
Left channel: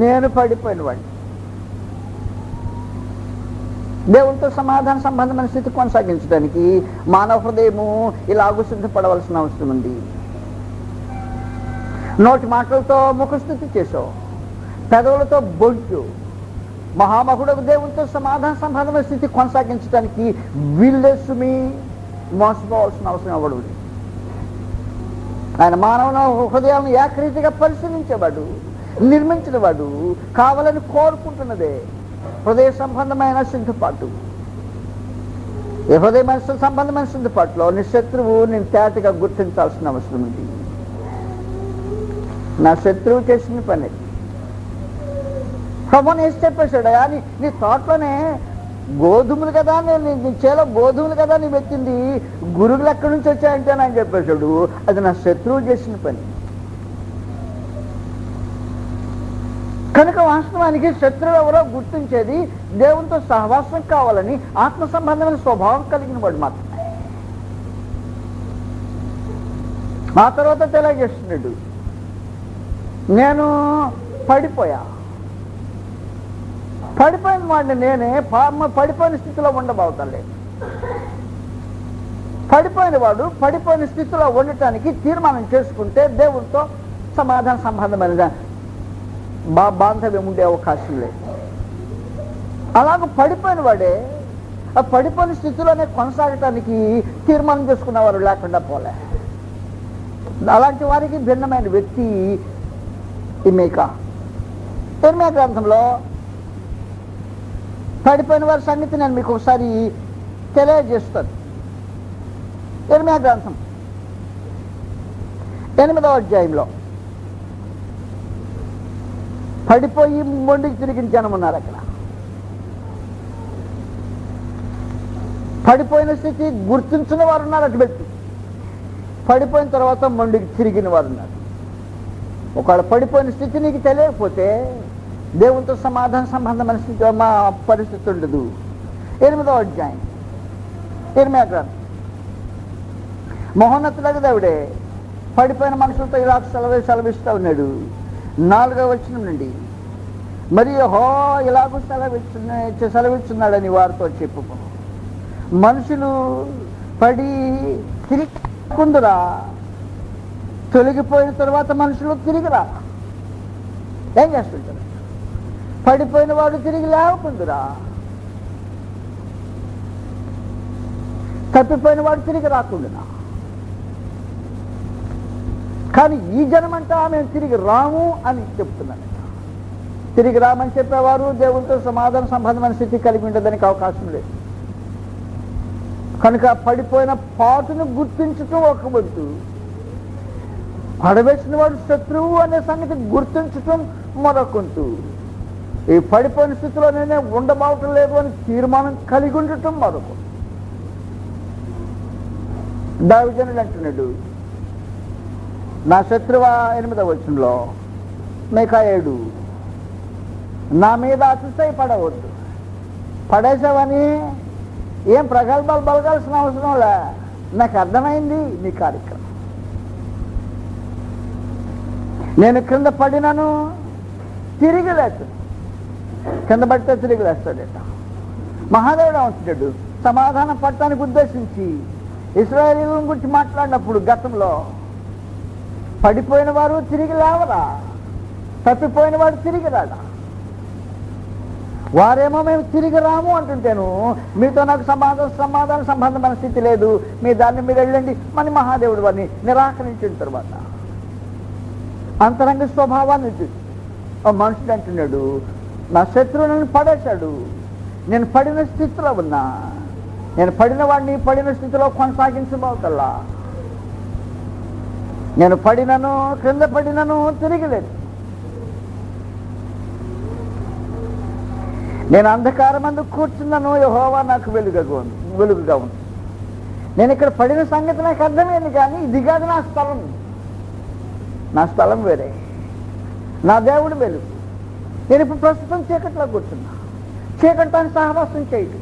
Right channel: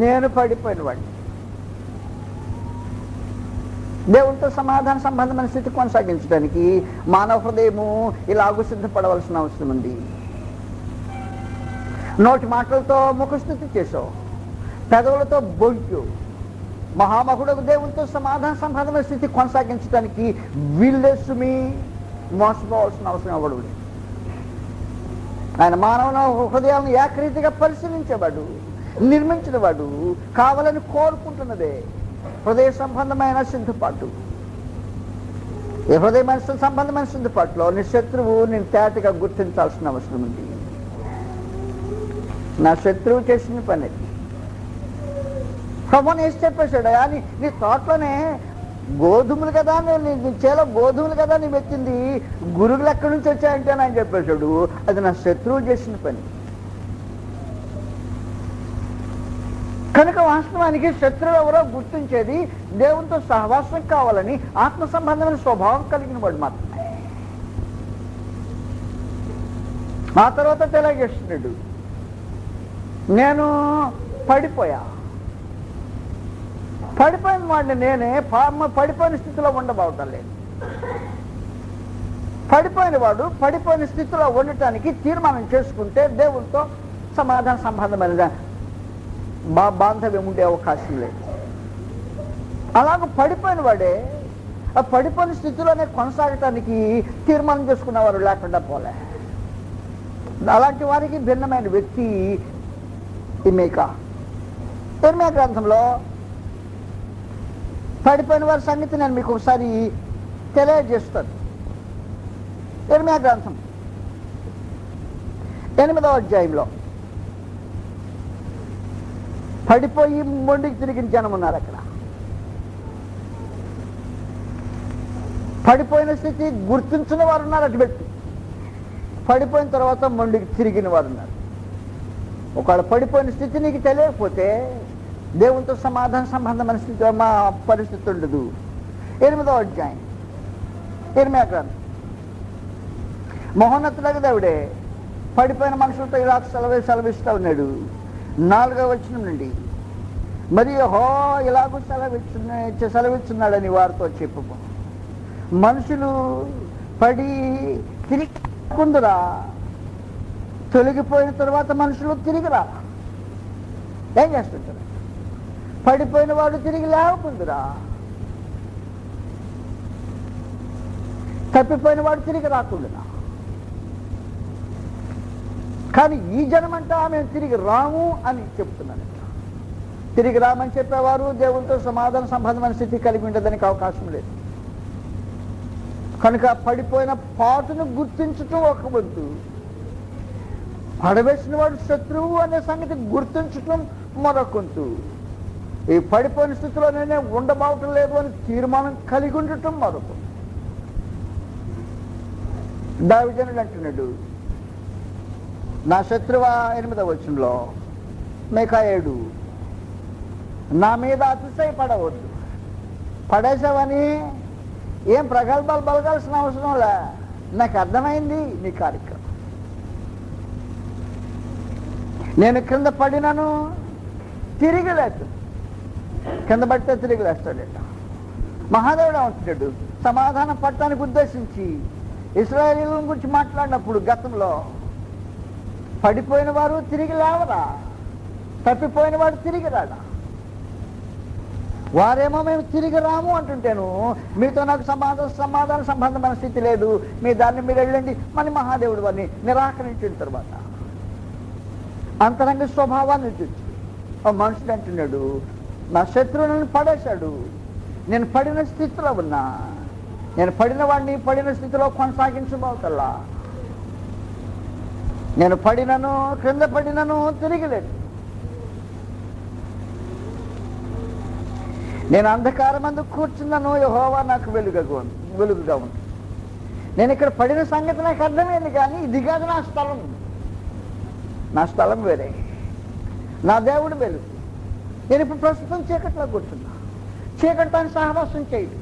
నేను పడిపోయిన వాడిని. దేవునితో సమాధాన సంబంధమైన స్థితి కొనసాగించడానికి మానవ హృదయము ఇలాగూ సిద్ధపడవలసిన అవసరం ఉంది. నోటి మాటలతో ముఖస్థుతి చేసావు, పెదవులతో బొంచు. మహామహుడకు దేవునితో సమాధాన సంబంధమైన స్థితి కొనసాగించడానికి వీల్లేసుమి మోసపోవాల్సిన అవసరం అవ్వడు. ఆయన మానవ హృదయాలను ఏకరీతిగా పరిశీలించేవాడు, నిర్మించినవాడు, కావాలని కోరుకుంటున్నదే హృదయ సంబంధమైన సిద్ధపాటు. ఈ హృదయ మనసు సంబంధమైన సిద్ధపాటులో నీ శత్రువు నేను తేటగా గుర్తించాల్సిన అవసరం ఉంది. నా శత్రువు చేసిన పని ప్రభుని వేసి చెప్పేశాడు, అని నీ తోటలోనే గోధుమలు కదా, నీ చేలో గోధుమలు కదా నీ పెట్టింది, గురుగులు ఎక్కడి నుంచి వచ్చాయంటే అని చెప్పేశాడు. అది నా శత్రువు చేసిన పని. కనుక వాస్తవానికి శత్రువు ఎవరో గుర్తించేది దేవునితో సహవాసం కావాలని ఆత్మ సంబంధమైన స్వభావం కలిగిన వాడు మాత్రమే. ఆ తర్వాత తెలియజేస్తున్నాడు, నేను పడిపోయిన వాడిని నేనే పడిపోయిన స్థితిలో ఉండబోతలేదు. పడిపోయిన వాడు పడిపోయిన స్థితిలో ఉండటానికి తీర్మానం చేసుకుంటే దేవునితో సమాధాన సంబంధమైన బాంధవ్యం ఉండే అవకాశం లేదు. అలాగ పడిపోయిన వాడే ఆ పడిపోయిన స్థితిలోనే కొనసాగటానికి తీర్మానం చేసుకున్నవారు లేకుండా పోలే. అలాంటి వారికి భిన్నమైన వ్యక్తి ఇర్మీయా గ్రంథంలో పడిపోయిన వారి సంగతి నేను మీకు ఒకసారి తెలియజేస్తాను. ఇర్మీయా గ్రంథం 8వ అధ్యాయంలో పడిపోయి మొండికి తిరిగిన జనం ఉన్నారు. అక్కడ పడిపోయిన స్థితి గుర్తించిన వారు ఉన్నారు. అటు పెట్టు పడిపోయిన తర్వాత మొండికి తిరిగిన వారు ఉన్నారు. ఒకవేళ పడిపోయిన స్థితి నీకు తెలియకపోతే దేవునితో సమాధాన సంబంధమైన స్థితి మా పరిస్థితి ఉండదు. 8వ అధ్యాయం ఇర్మీయా గ్రంథం. మహోన్నతుడైన దేవుడే పడిపోయిన మనుషులతో ఇలా సెలవిస్తూ ఉన్నాడు. 4వ వచనం నుండి, మరి యెహోవా ఇలాగూ సెలవిస్తున్నాడని వారితో చెప్పుకో, మనుషులు పడి తిరిగి కుందురా, తొలగిపోయిన తర్వాత మనుషులు తిరిగి రా. ఏం చేస్తుంటారు? పడిపోయిన వాడు తిరిగి లేకుందురా, తప్పిపోయిన వాడు తిరిగి రాకుండా. కానీ ఈ జనమంతా మేము తిరిగి రాము అని చెప్తున్నాను. తిరిగి రామని చెప్పేవారు దేవునితో సమాధాన సంబంధమైన స్థితి కలిగి ఉండడానికి అవకాశం లేదు. కనుక పడిపోయిన పాటును గుర్తించటం ఒక వంతు, పడవేసిన వాడు శత్రువు అనే సంగతి గుర్తించటం మరొకంతు. ఈ పడిపోయిన స్థితిలో నేనే ఉండబోవటం లేదు అని తీర్మానం కలిగి ఉండటం మరొక. దావీదు అంటున్నాడు, నా శత్రువ 8వ వచనంలో మీకా 7, నా మీద అతిశయపడవద్దు. పడేసావని ఏం ప్రగల్భాలు బలగాల్సిన అవసరంలే, నాకు అర్థమైంది నీ కార్యక్రమం. నేను కింద పడినను తిరిగి లేచు. కింద పడితే తిరిగి లేస్తాడట. మహాదేవుడు అంటున్నాడు, సమాధానం పడటానికి ఉద్దేశించి ఇశ్రాయేలీయుల గురించి మాట్లాడినప్పుడు గతంలో పడిపోయిన వారు తిరిగి లేవరా, తప్పిపోయిన వాడు తిరిగి రాడా. వారేమో మేము తిరిగి రాము అంటుంటేను, మీతో నాకు సమాధాన సంబంధమైన స్థితి లేదు, మీ దాన్ని మీరు వెళ్ళండి మన మహాదేవుడు వారిని నిరాకరించిన తర్వాత అంతరంగ స్వభావాన్ని చూసి మనుషుడు అంటున్నాడు, నా శత్రువు నన్ను పడేశాడు, నేను పడిన స్థితిలో ఉన్నా, నేను పడిన వాడిని పడిన స్థితిలో కొనసాగించబోతల్లా. నేను పడినను క్రింద పడినను తిరిగి లేదు. నేను అంధకారమందు కూర్చున్నాను, యెహోవా నాకు వెలుగుగా ఉంది. నేను ఇక్కడ పడిన సంగతి నాకు అర్థమైంది, కానీ ఇది కాదు నా స్థలం. నా స్థలం వేరే, నా దేవుడు వెలుగు. నేను ఇప్పుడు ప్రస్తుతం చీకట్లో కూర్చున్నా. చీకటితో సహవాసం చేయడు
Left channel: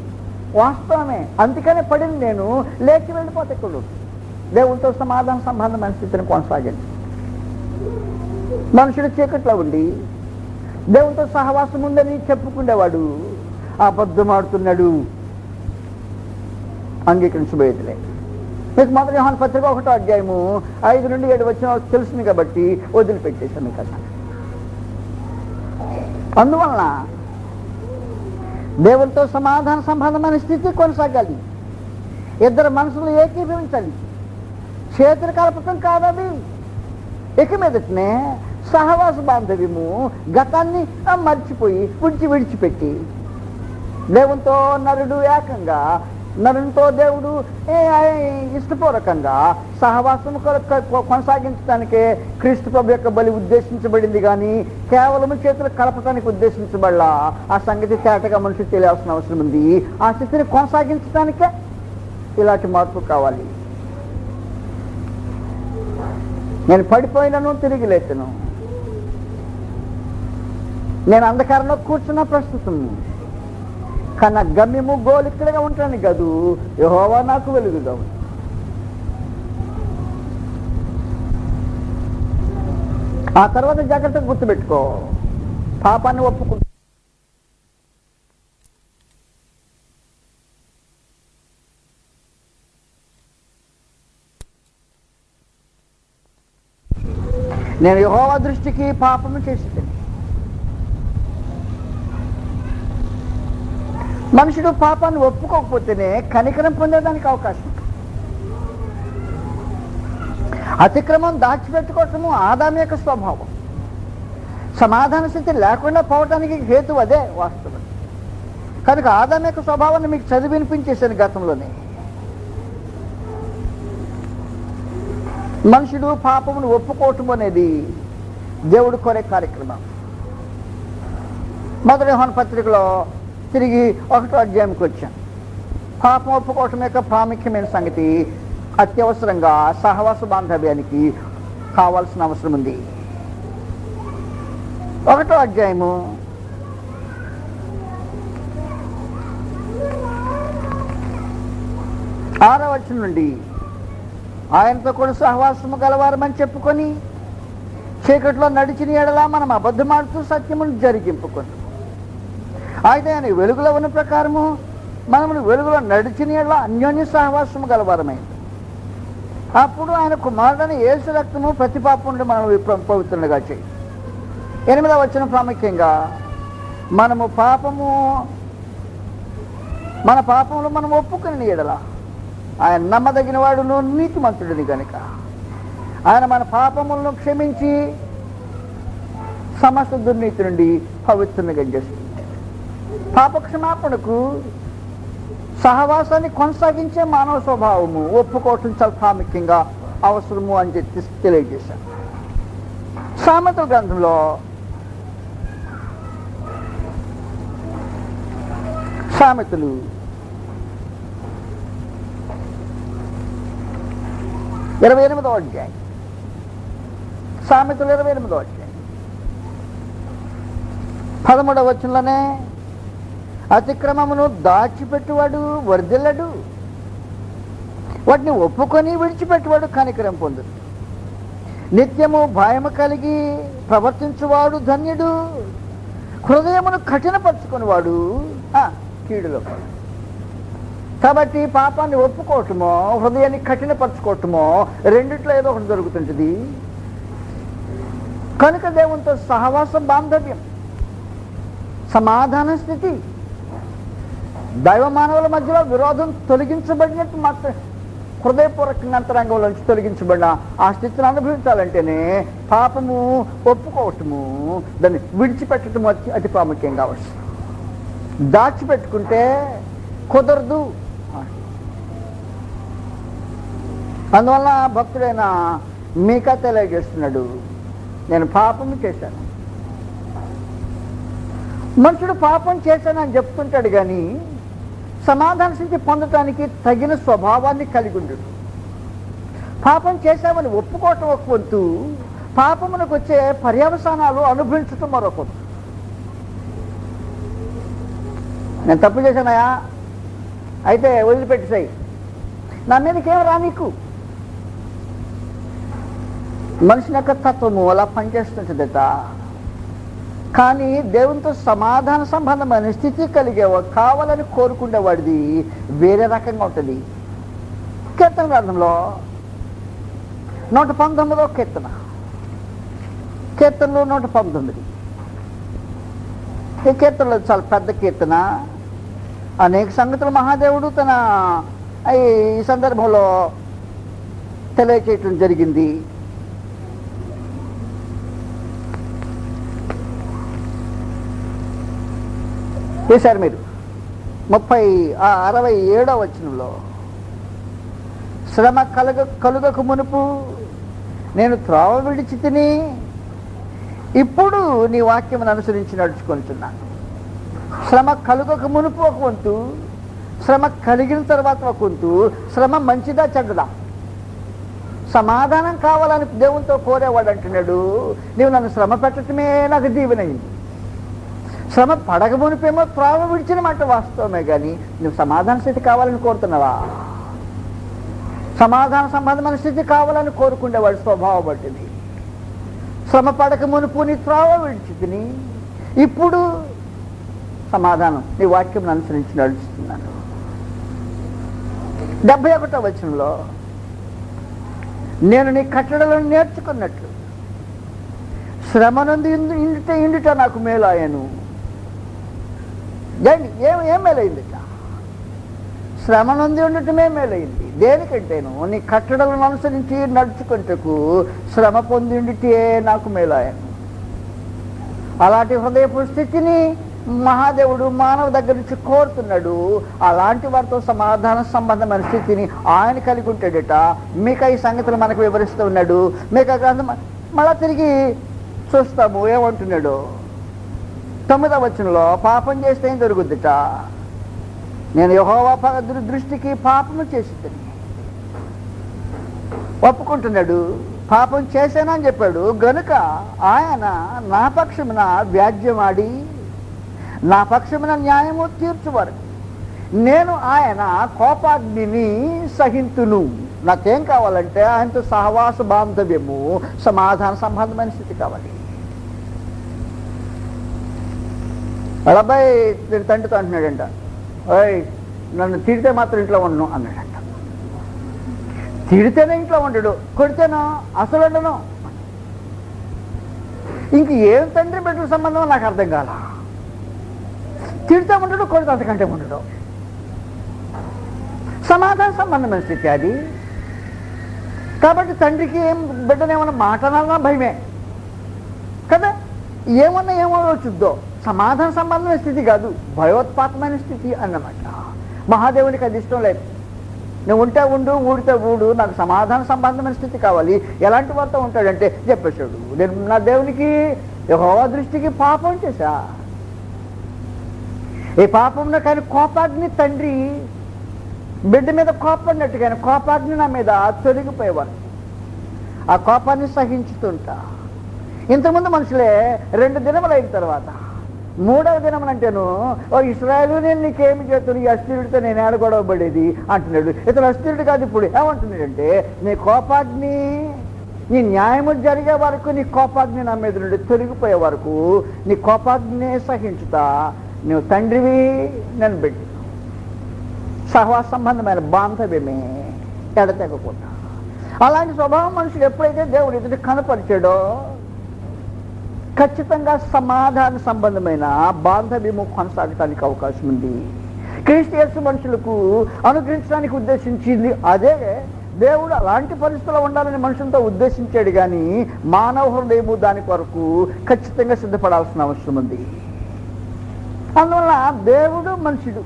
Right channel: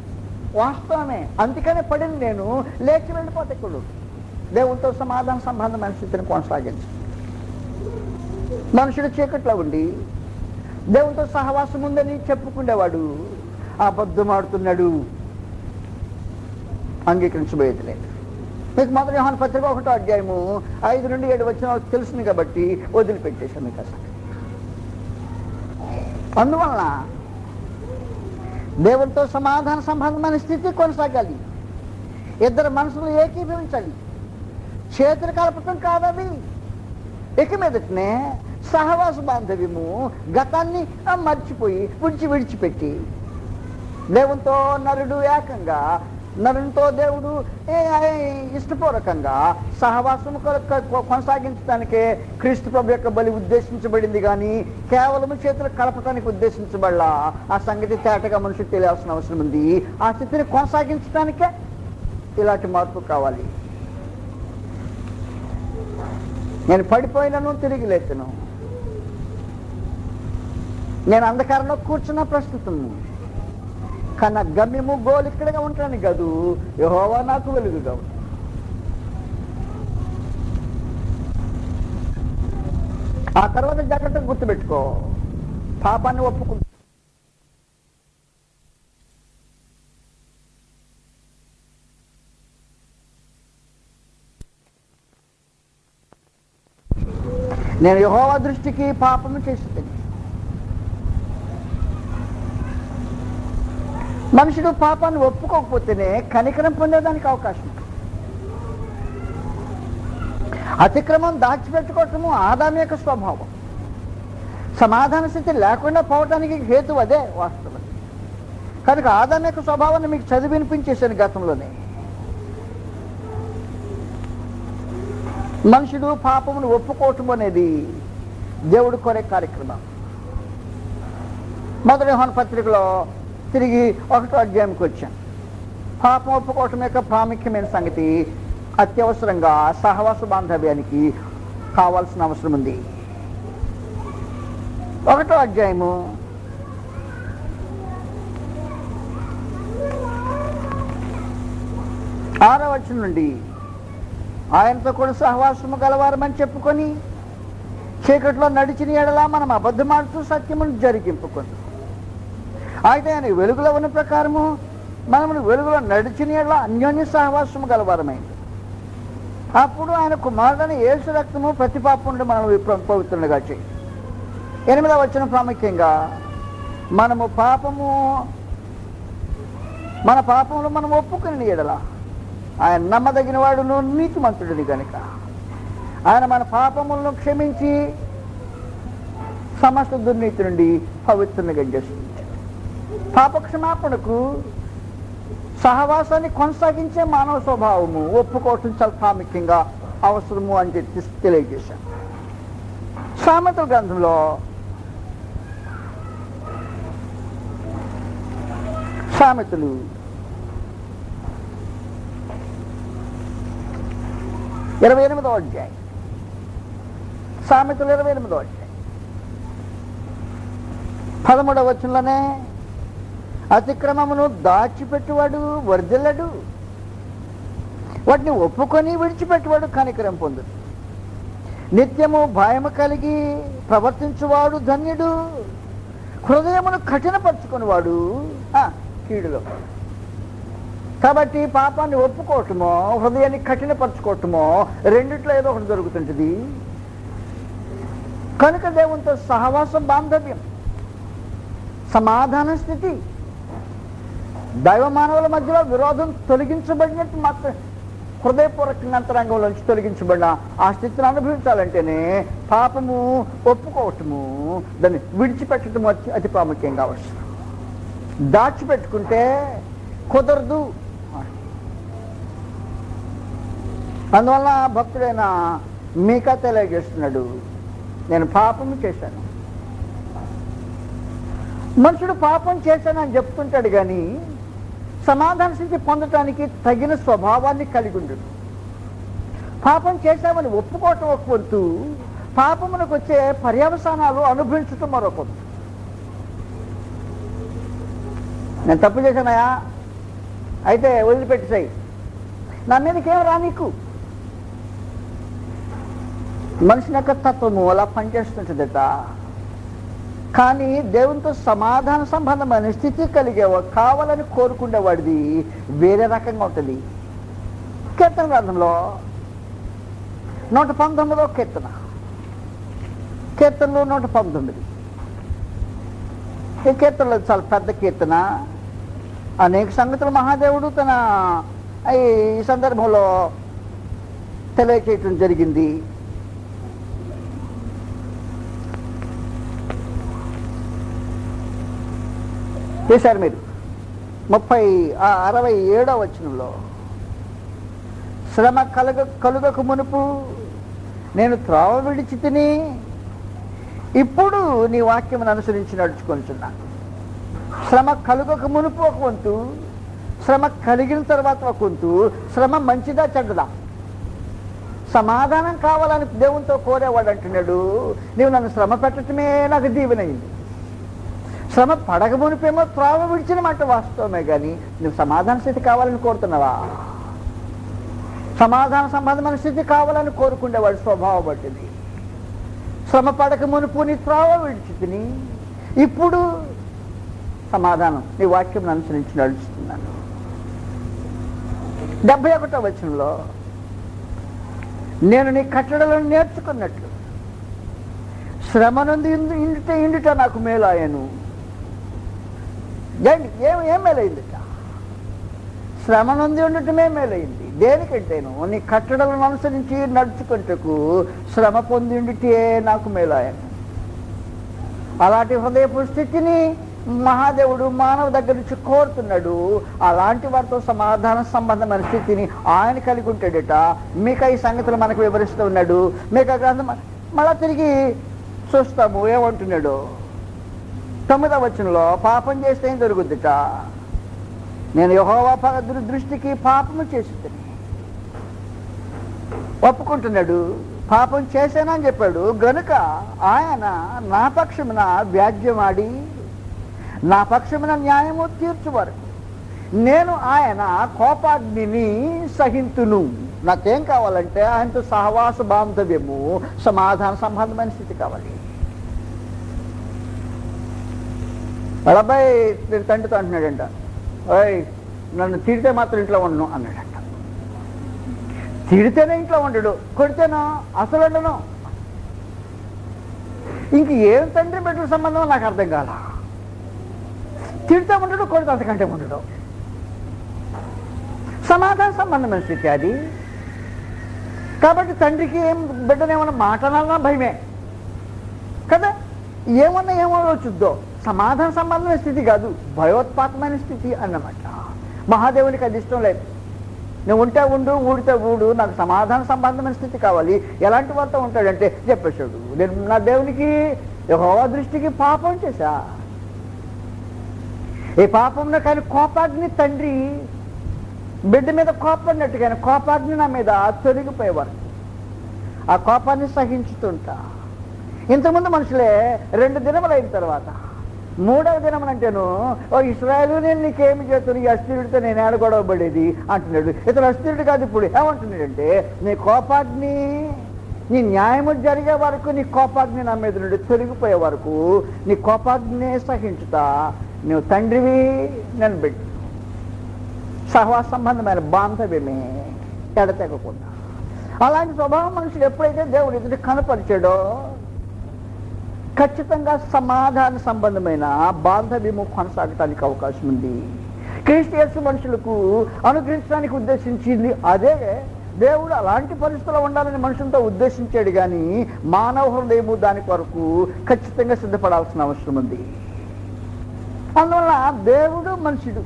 వాస్తవమే. అందుకనే పడింది. నేను లేచి వెళ్ళిపోతే ఇక్కడ దేవుడితో సమాధాన సంబంధమైన స్థితిని కొనసాగించు. మనుషుడు చీకట్లో ఉండి దేవుడితో సహవాసం ఉందని చెప్పుకునేవాడు అబద్ధం ఆడుతున్నాడు, అంగీకరించబోయేదిలే. మీకు మొదటి యోహాను పత్రిక 1వ అధ్యాయము 5 నుండి 7 వచ్చిన తెలిసింది కాబట్టి వదిలిపెట్టేశాను. మీకు అసలు అందువలన దేవుడితో సమాధాన సంబంధమైన స్థితి కొనసాగాలి. ఇద్దరు మనుషులు ఏకీభవించాలి. చేతులు కలపటం కాదది. ఇక మీదటనే సహవాస బాంధవ్యము గతాన్ని మర్చిపోయి విడిచిపెట్టి దేవునితో నరుడు ఏకంగా, నరునితో దేవుడు ఇష్టపూర్వకంగా సహవాసం కొనసాగించడానికే క్రీస్తు ప్రభు యొక్క బలి ఉద్దేశించబడింది, కానీ కేవలం చేతులు కలపటానికి ఉద్దేశించబడలా. ఆ సంగతి తేటగా మనుషులు తెలియాల్సిన అవసరం ఉంది. ఆ స్థితిని కొనసాగించడానికే ఇలాంటి మార్పు కావాలి. నేను పడిపోయినను తిరిగి లేచను, నేను అంధకారంలో కూర్చున్న ప్రస్తుతం, కానీ నా గమ్యము గోలు ఇక్కడగా ఉంటాను కాదు, యెహోవా నాకు వెలుగుగా. ఆ తర్వాత జాగ్రత్తగా గుర్తుపెట్టుకో, పాపాన్ని ఒప్పుకుంటా. నేను యెహోవా దృష్టికి పాపము చేస్తాను. మనుషుడు పాపాన్ని ఒప్పుకోకపోతేనే కనికరం పొందేదానికి అవకాశం. అతిక్రమం దాచిపెట్టుకోవటము ఆదాము యొక్క స్వభావం. సమాధాన స్థితి లేకుండా పోవటానికి హేతు అదే వాస్తవం. కనుక ఆదాము యొక్క స్వభావాన్ని మీకు చదివి వినిపించేశాను గతంలోనే. మనుషుడు పాపమును ఒప్పుకోవటం అనేది దేవుడు కోరే కార్యక్రమం. మొదటి యోహాను పత్రికలో తిరిగి 1వ అధ్యాయానికి వచ్చాం. పాపం ఒప్పుకోవటం యొక్క ప్రాముఖ్యమైన సంగతి అత్యవసరంగా సహవాస బాంధవ్యానికి కావాల్సిన అవసరం ఉంది. 1వ అధ్యాయము 6వ వచనం నుండి, ఆయనతో కూడా సహవాసము గలవారమని చెప్పుకొని చీకట్లో నడిచిన ఎడలా మనం అబద్ధమాడుతూ సత్యమును జరిగింపుకొని, అయితే ఆయన వెలుగులో ఉన్న ప్రకారము మనము వెలుగులో నడిచిన ఎడలా అన్యోన్య సహవాసము గలవారమైంది. అప్పుడు ఆయన కుమారుడైన యేసు రక్తము ప్రతి పాపం నుండి మనం పవిత్రులుగా చేయి. 8వ వచనం ప్రాముఖ్యంగా, మనము మన పాపములు మనం ఒప్పుకుని ఎడల ఆయన నమ్మదగిన వాడును నీతిమంతుడిని కనుక ఆయన మన పాపములను క్షమించి సమస్త దుర్నీతి నుండి పవిత్రునిగా చేస్తుంది. పాప క్షమాపణకు సహవాసాన్ని కొనసాగించే మానవ స్వభావము ఒప్పుకోవటం చాలా ప్రాముఖ్యంగా అవసరము అని చెప్పి తెలియజేశాను. సామెతల గ్రంథంలో సామెతలు 28వ అధ్యాయం, సామెతలు 28వ అధ్యాయం 13వ వచనంలోనే, అతిక్రమమును దాచిపెట్టువాడు వర్ధిల్లడు, వాటిని ఒప్పుకొని విడిచిపెట్టువాడు కనికరం పొందుడు. నిత్యము భయము కలిగి ప్రవర్తించువాడు ధన్యుడు, హృదయమును కఠినపరుచుకునేవాడు కీడులో. కాబట్టి పాపాన్ని ఒప్పుకోవటమో హృదయాన్ని కఠినపరచుకోవటమో రెండిట్లో ఏదో ఒకటి జరుగుతుంటుంది. కనుక దేవునితో సహవాసం బాంధవ్యం, సమాధాన స్థితి, దైవ మానవుల మధ్యలో విరోధం తొలగించబడినట్టు మాత్రం హృదయపూర్వకంగా అంతరంగంలోంచి తొలగించబడిన ఆ స్థితిని అనుభవించాలంటేనే పాపము ఒప్పుకోవటము, దాన్ని విడిచిపెట్టడం అతి ప్రాముఖ్యంగా అవసరం. దాచిపెట్టుకుంటే కుదరదు. అందువల్ల భక్తుడైన మీకా తెలియజేస్తున్నాడు, నేను పాపం చేశాను. మనుషుడు పాపం చేశానని చెప్తుంటాడు, కానీ సమాధాన స్థితి పొందటానికి తగిన స్వభావాన్ని కలిగి ఉండడు. పాపం చేశామని ఒప్పుకోవటం ఒక వంతు, పాపమునకు వచ్చే పర్యవసానాలు అనుభవించటం మరొక వంతు. నేను తప్పు చేశానయా, అయితే వదిలిపెట్టేసాయి, నా మీదకేం రా నీకు. మనిషి యొక్క తత్వము అలా పనిచేస్తుంటుందట. కానీ దేవునితో సమాధాన సంబంధమైన స్థితి కలిగేవా కావాలని కోరుకునేవాడిది వేరే రకంగా ఉంటుంది. కీర్తన గ్రంథంలో 119వ కీర్తనలో 119, ఈ కీర్తనలో చాలా పెద్ద కీర్తన. అనేక సంగతులు మహాదేవుడు తన ఈ సందర్భంలో తెలియచేయటం జరిగింది. చేశారు మీరు 67వ వచనంలో, శ్రమ కలుగక మునుపు నేను త్రోవ విడిచి తిని ఇప్పుడు నీ వాక్యమును అనుసరించి నడుచుకుంటున్నా. శ్రమ కలుగక మునుపు ఒక వంతు, శ్రమ కలిగిన తర్వాత ఒక వంతు. శ్రమ మంచిదా చెడ్డదా? సమాధానం కావాలని దేవునితో కోరేవాడు అంటున్నాడు, నీవు నన్ను శ్రమ పెట్టడమే నాకు దీవెనైంది. శ్రమ పడక మునిపేమో త్రోవ విడిచిన మాట వాస్తవమే, కానీ నువ్వు సమాధాన స్థితి కావాలని కోరుతున్నావా? సమాధాన సంబంధమైన స్థితి కావాలని కోరుకునేవాడు స్వభావం బట్టిది. శ్రమ పడక మునుపు నీ త్రోవ విడిచి తిని ఇప్పుడు సమాధానం నీ వాక్యం అనుసరించి నడుస్తున్నాను. 71వ వచనంలో, నేను నీ కట్టడలను నేర్చుకున్నట్లు శ్రమనందు ఇండుట నాకు మేలాయను. ఏం మేలైందిట? శ్రమనందు ఉండటమే మేలైంది. దేనికంటేను నీ కట్టడలను అనుసరించి నడుచుకుంటకు శ్రమ పొంది ఉండితే నాకు మేలాయను. అలాంటి హృదయపు స్థితిని మహాదేవుడు మానవ దగ్గర నుంచి కోరుతున్నాడు. అలాంటి వారితో సమాధాన సంబంధమైన స్థితిని ఆయన కలిగి ఉంటాడట. మీకు ఈ సంగతులు మనకు వివరిస్తూ ఉన్నాడు. మీకు గ్రంథం మళ్ళా తిరిగి చూస్తాము ఏమంటున్నాడు. 9వ వచనంలో, పాపం చేస్తే ఏం జరుగుద్దిట? నేను యెహోవా దృష్టికి పాపము చేసి ఒప్పుకుంటున్నాడు. పాపం చేశానని చెప్పాడు గనుక ఆయన నా పక్షమున వ్యాజ్యమాడి నా పక్షమున న్యాయము తీర్చువారు. నేను ఆయన కోపాగ్నిని సహింతును. నాకేం కావాలంటే ఆయనతో సహవాస బాంధవ్యము, సమాధాన సంబంధమైన స్థితి కావాలి. అబ్బాయి నేను తండ్రితో అంటున్నాడంట, ఓయ్ నన్ను తిడితే మాత్రం ఇంట్లో ఉండను అన్నాడంట. తిడితేనే ఇంట్లో ఉండడు, కొడితేనో అసలు ఉండను. ఇంక ఏం తండ్రి బిడ్డల సంబంధం నాకు అర్థం కాల. తిడితే ఉండడు, కొడితే అంతకంటే ఉండడు. సమాధాన సంబంధమైన స్థితి అది. కాబట్టి తండ్రికి ఏం బిడ్డనేమన్నా మాటనన్నా భయమే కదా. ఏమన్నా ఏమవచ్చుద్దో. సమాధాన సంబంధమైన స్థితి కాదు, భయోత్పాతమైన స్థితి అన్నమాట. మహాదేవునికి అది ఇష్టం లేదు. నువ్వు ఉంటే ఉండు, ఊడితే ఊడు, నాకు సమాధాన సంబంధమైన స్థితి కావాలి. ఎలాంటి వారితో ఉంటాడంటే చెప్పేశాడు, నేను నా దేవునికి యెహోవా దృష్టికి పాపం చేశా. ఈ పాపంలో కానీ కోపాగ్ని తండ్రి బిడ్డ మీద కోపడినట్టుగా కోపాగ్ని నా మీద తొలగిపోయేవారు. ఆ కోపాన్ని సహించుతుంటా. ఇంతకుముందు మనుషులే 2 దినములు అయిన తర్వాత 3వ దినములంటేను, ఓ ఇశ్రాయేలు నేను నీకేమి చేస్తాను, ఈ అస్థిరుడితో నేను ఏడ గొడవబడేది అంటున్నాడు. ఇతను అస్థిరుడు కాదు. ఇప్పుడు ఏమంటున్నాడంటే, నీ కోపాగ్ని, నీ న్యాయము జరిగే వరకు, నీ కోపాగ్ని నా మీద నుండి తొలగిపోయే వరకు నీ కోపాగ్నే సహించుతా. నువ్వు తండ్రివి, నేను బిడ్డ. సహవాస సంబంధమైన బాంధవ్యమే ఎడతెగకుండా. అలాంటి స్వభావం మనుషుడు ఎప్పుడైతే దేవుడు ఎదుటి కనపరిచాడో ఖచ్చితంగా సమాధాన సంబంధమైన బాంధవ్యము కొనసాగటానికి అవకాశం ఉంది. క్రీస్తు యేసు మనుషులకు అనుగ్రహించడానికి ఉద్దేశించింది అదే. దేవుడు అలాంటి పరిస్థితుల్లో ఉండాలని మనుషులతో ఉద్దేశించాడు, కానీ మానవ హృదయము దాని కొరకు ఖచ్చితంగా సిద్ధపడాల్సిన అవసరం ఉంది. అందువల్ల దేవుడు మనుషుడు,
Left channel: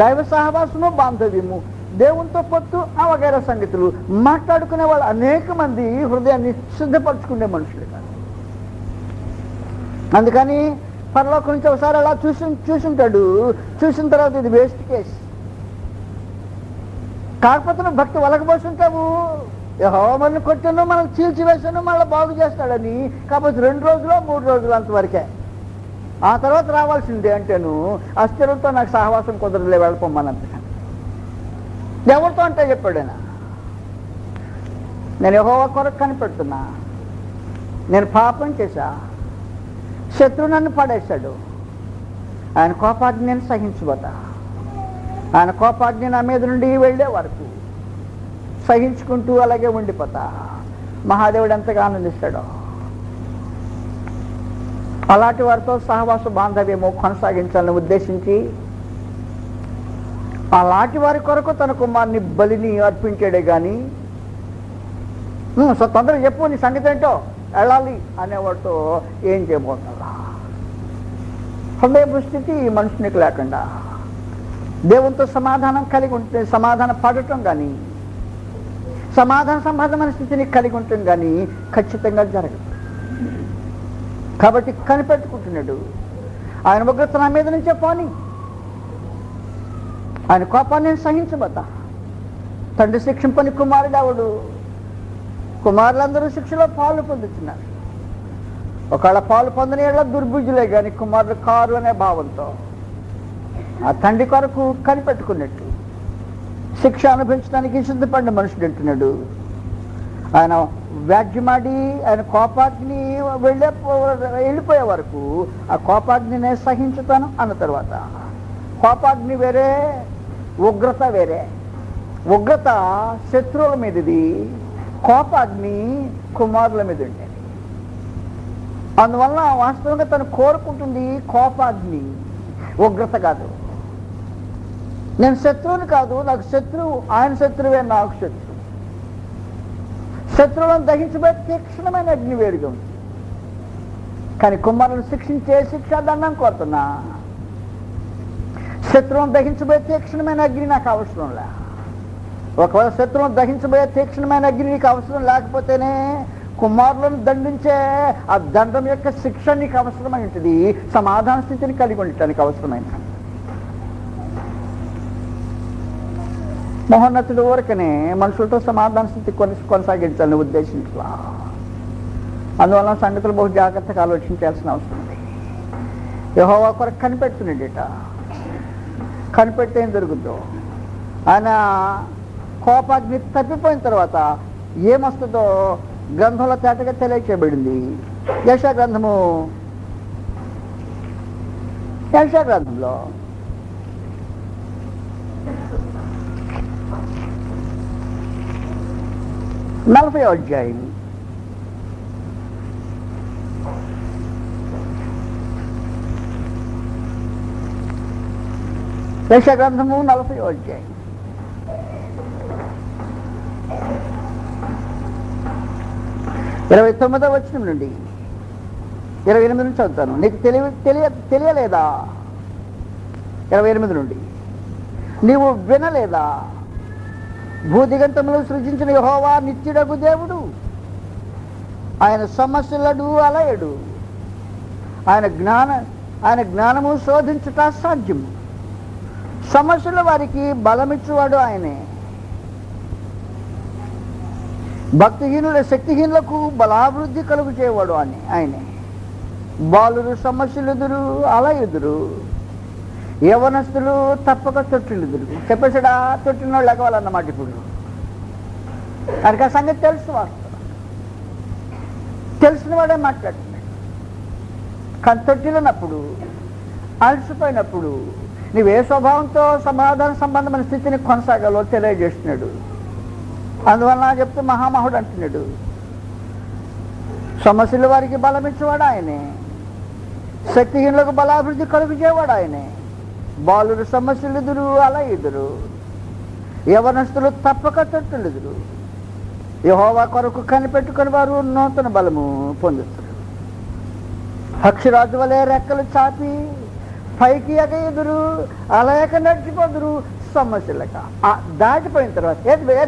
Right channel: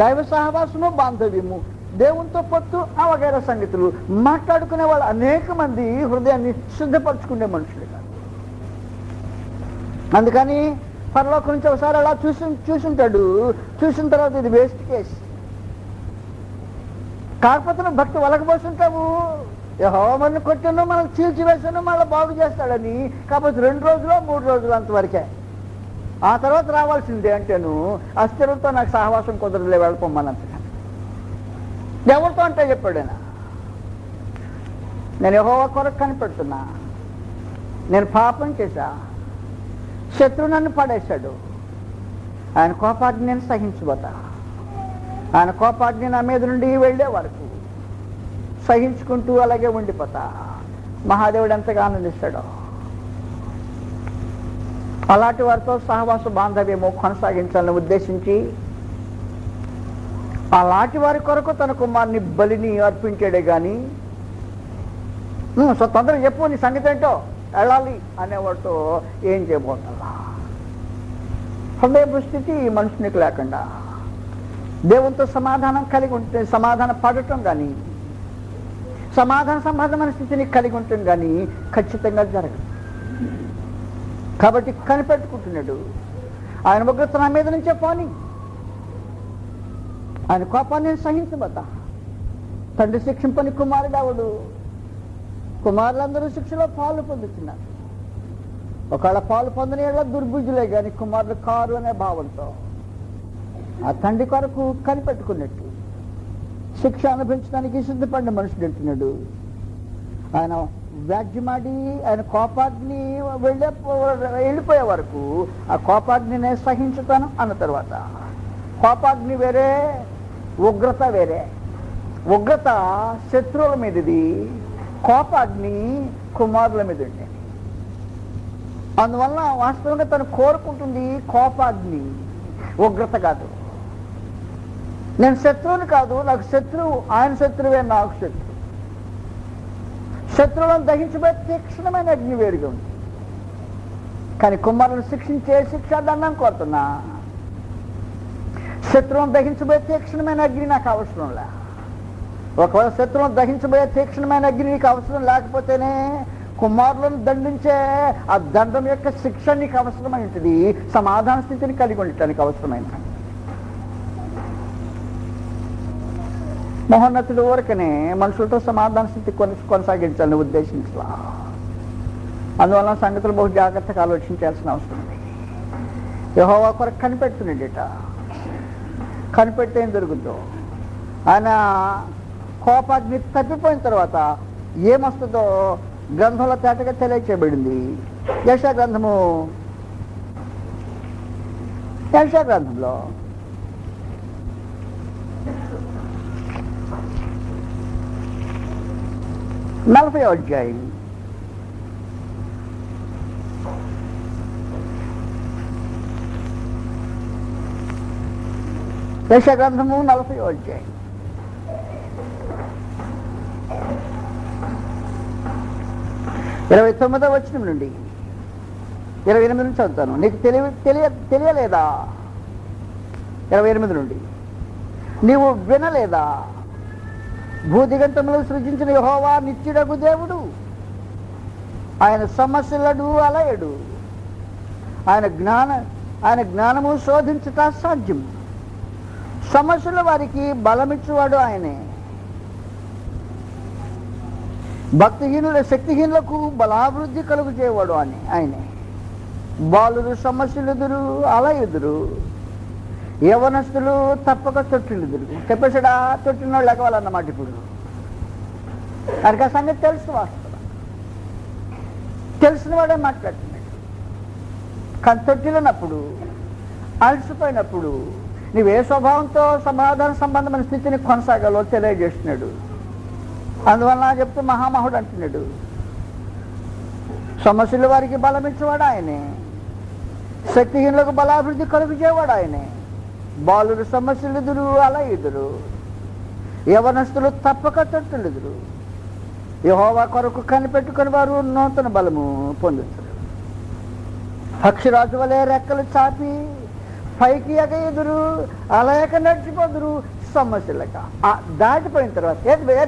దైవ సహవాసము, బాంధవ్యము, దేవునితో పొత్తు, వగైరా సంగతులు మాట్లాడుకునే వాళ్ళు అనేక మంది హృదయాన్ని సిద్ధపరచుకునే మనుషులు కాదు. అందుకని పరలోకం నుంచి ఒకసారి అలా చూసుంటాడు. చూసిన తర్వాత ఇది వేస్ట్ కేస్. కాకపోతే నువ్వు భక్తి వలకపోతుంటావు, యెహోవా మనల్ని కొట్టాను, మనం చీల్చివేసాను, మళ్ళీ బాగు చేస్తాడని. కాకపోతే 2 రోజులు 3 రోజులు అంతవరకే. ఆ తర్వాత రావాల్సిందే అంటేను అస్థిరంతో నాకు సహవాసం కుదరలే, వెళ్ళిపోమ్మనంతకని. ఎవరితో అంటే చెప్పాడు ఆయన, నేను యెహోవా కొరకు కనిపెడుతున్నా, నేను పాపం చేశా, శత్రువు నన్ను పడేశాడు, ఆయన కోపాగ్ని నేను సహించబోతా. ఆయన కోపాగ్ని నా మీద నుండి వెళ్ళే వరకు సహించుకుంటూ అలాగే ఉండిపోతా. మహాదేవుడు ఎంతగా ఆనందిస్తాడో. అలాంటి వారితో సహవాస బాంధవ్యము కొనసాగించాలని ఉద్దేశించి అలాంటి వారి కొరకు తన కుమారుని బలిని అర్పించాడే కానీ తొందరగా చెప్పు నీ సంగతి ఏంటో వెళ్ళాలి అనేవాడితో ఏం చేయబోతున్నా హృదయ స్థితి మనుషునికి లేకుండా దేవునితో సమాధానం కలిగి ఉంటే సమాధాన పడటం కానీ సమాధాన సంబంధమైన స్థితిని కలిగి ఉంటుంది కానీ ఖచ్చితంగా జరగదు. కాబట్టి కనిపెట్టుకుంటున్నాడు. ఆయన ఉగ్రత నా మీద నుంచే పోని, ఆయన కోపాన్ని నేను సహించబోతా. తండ్రి శిక్షింపని కుమారుడు అవడు. కుమారులందరూ శిక్షలో పాలు పొందుతున్నారు. ఒకవేళ పాలు పొందని ఏళ్ళ దుర్బుద్ధులే కానీ కుమారుడు కారు అనే భావంతో ఆ తండ్రి కొరకు కనిపెట్టుకున్నట్టు శిక్ష అనుభవించడానికి సిద్ధపడిన మనుషుడు అంటున్నాడు. ఆయన వ్యాజ్యమాడి ఆయన కోపాగ్ని వెళ్ళిపోయే వరకు ఆ కోపాగ్ని నేను సహించుతాను అన్న తర్వాత కోపాగ్ని వేరే, ఉగ్రత వేరే. ఉగ్రత శత్రువుల మీదది, కోపాగ్ని కుమారుల మీద ఉండేది. అందువల్ల వాస్తవంగా తను కోరుకుంటుంది కోపాగ్ని, ఉగ్రత కాదు. నేను శత్రువుని కాదు, నాకు శత్రువు, ఆయన శత్రువే నాకు శత్రువు. శత్రువులను దహించబోయే తీక్షణమైన అగ్ని వేరుగా ఉంది. కానీ కుమారులను శిక్షించే శిక్షాదండం కోరుతున్నా. శత్రువును దహించబోయే తీక్షణమైన అగ్ని నాకు అవసరం లే. ఒకవేళ శత్రువును దహించబోయే తీక్షణమైన అగ్ని నీకు అవసరం లేకపోతేనే కుమారులను దండించే ఆ దండం యొక్క శిక్ష నీకు అవసరమైంది. సమాధాన స్థితిని కలిగి ఉండటానికి అవసరమైంది. మహోన్నతుడు ఊరకనే మనుషులతో సమాధాన స్థితి కొనసాగించాలని ఉద్దేశించలా. అందువల్ల సంగతులు బహు జాగ్రత్తగా ఆలోచించాల్సిన అవసరం ఉంది. యెహోవా కొరకు కనిపెడుతున్నాడట. కనిపెడితే ఏం జరుగుతుందో, ఆయన కోపాగ్ని తప్పిపోయిన తర్వాత ఏమొస్తుందో గ్రంథంలో తేటగా తెలియచేయబడింది. యెషయా గ్రంథంలో 40వ అధ్యాయం యెషయా గ్రంథము 40వ అధ్యాయం 29వ వచనం నుండి 28 నుంచి చదువుతాను. నీకు తెలియలేదా? 28 నుండి నీవు వినలేదా? భూదిగంతములు సృజించిన యెహోవా నిత్యుడగు దేవుడు, ఆయన సమస్యలడు అలయడు. ఆయన జ్ఞానము శోధించుట సాధ్యము. సమస్యల వారికి బలమిచ్చువాడు ఆయనే. శక్తిహీనులకు బలాభివృద్ధి కలుగు చేయవాడు ఆయనే. బాలురు సమస్యలుదురు అలయుదురు, యవనస్తులు తప్పక తొట్టిల్లుదురు. చెప్పేసాడా? తొట్టిన వాళ్ళు ఎగవాలన్నమాట. ఇప్పుడు ఆయనకి ఆ సంగతి తెలుసు. తెలిసిన వాడే మాట్లాడుతున్నాడు. కానీ తొట్టిల్లినప్పుడు, అలసిపోయినప్పుడు నువ్వే స్వభావంతో సమాధాన సంబంధమైన స్థితిని కొనసాగాలో తెలియజేస్తున్నాడు. అందువల్ల చెప్తూ మహామహుడు అంటున్నాడు, సమస్యల వారికి బలమిచ్చేవాడు ఆయనే, శక్తిహీనులకు బలాభివృద్ధి కలుగు చేయవాడు ఆయనే. బాలురు సమస్యలు ఎదురు అలా ఎదురు, యవనస్తులు తప్పక తొట్టులుదురు. యెహోవా కొరకు కనిపెట్టుకుని వారు నూతన బలము పొందుతారు. పక్షిరాజు వలె రెక్కలు చాపి పైకి ఎగదురు, అలయక నడిచిపోదురు. సమస్యలక దాటిపోయిన తర్వాత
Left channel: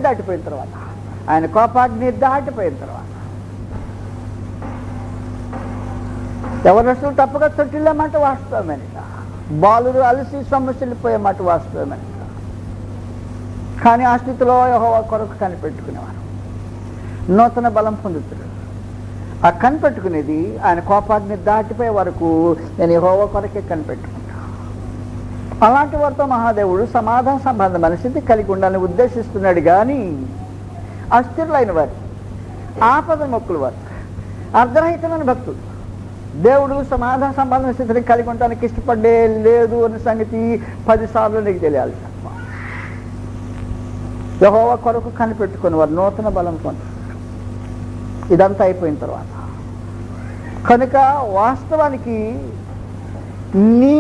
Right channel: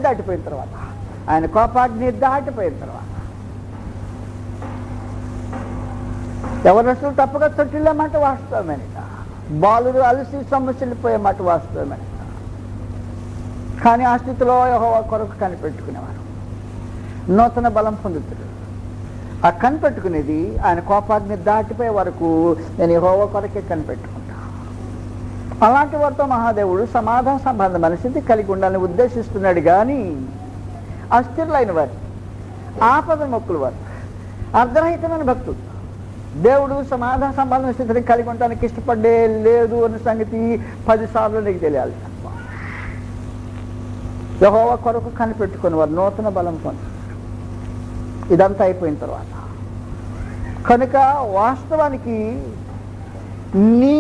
దాటిపోయిన తర్వాత ఆయన కోపాగ్ని దాటిపోయిన తర్వాత యవనస్తులు తప్పక తొట్టిల్లమాట వాస్తవమేనట. బాలురు అలసి సమస్యలు పోయే మాట వాస్తవమే. కానీ ఆ స్థితిలో యెహోవా కొరకు కనిపెట్టుకునేవారు నూతన బలం పొందుతారు. ఆ కనిపెట్టుకునేది ఆయన కోపాగ్ని దాటిపోయే వరకు నేను యెహోవా కొరకే కనిపెట్టుకుంటాను. అలాంటి వారితో మహాదేవుడు సమాధాన సంబంధమైన స్థితి కలిగి ఉండాలని ఉద్దేశిస్తున్నాడు. కానీ అస్థిరులైన వారు, ఆపద మొక్కులు వారు, అర్ధరహితమైన భక్తులు దేవుడు సమాధాన సంబంధమైన స్థితిని కలిగి ఉండడానికి ఇష్టపడే లేదు అన్న సంగతి 10 సార్లు నీకు తెలియాలి. యెహోవా కొరకు కనిపెట్టుకుని వారు నూతన బలం పొందుతారు. ఇదంతా అయిపోయిన తర్వాత కనుక వాస్తవానికి నీ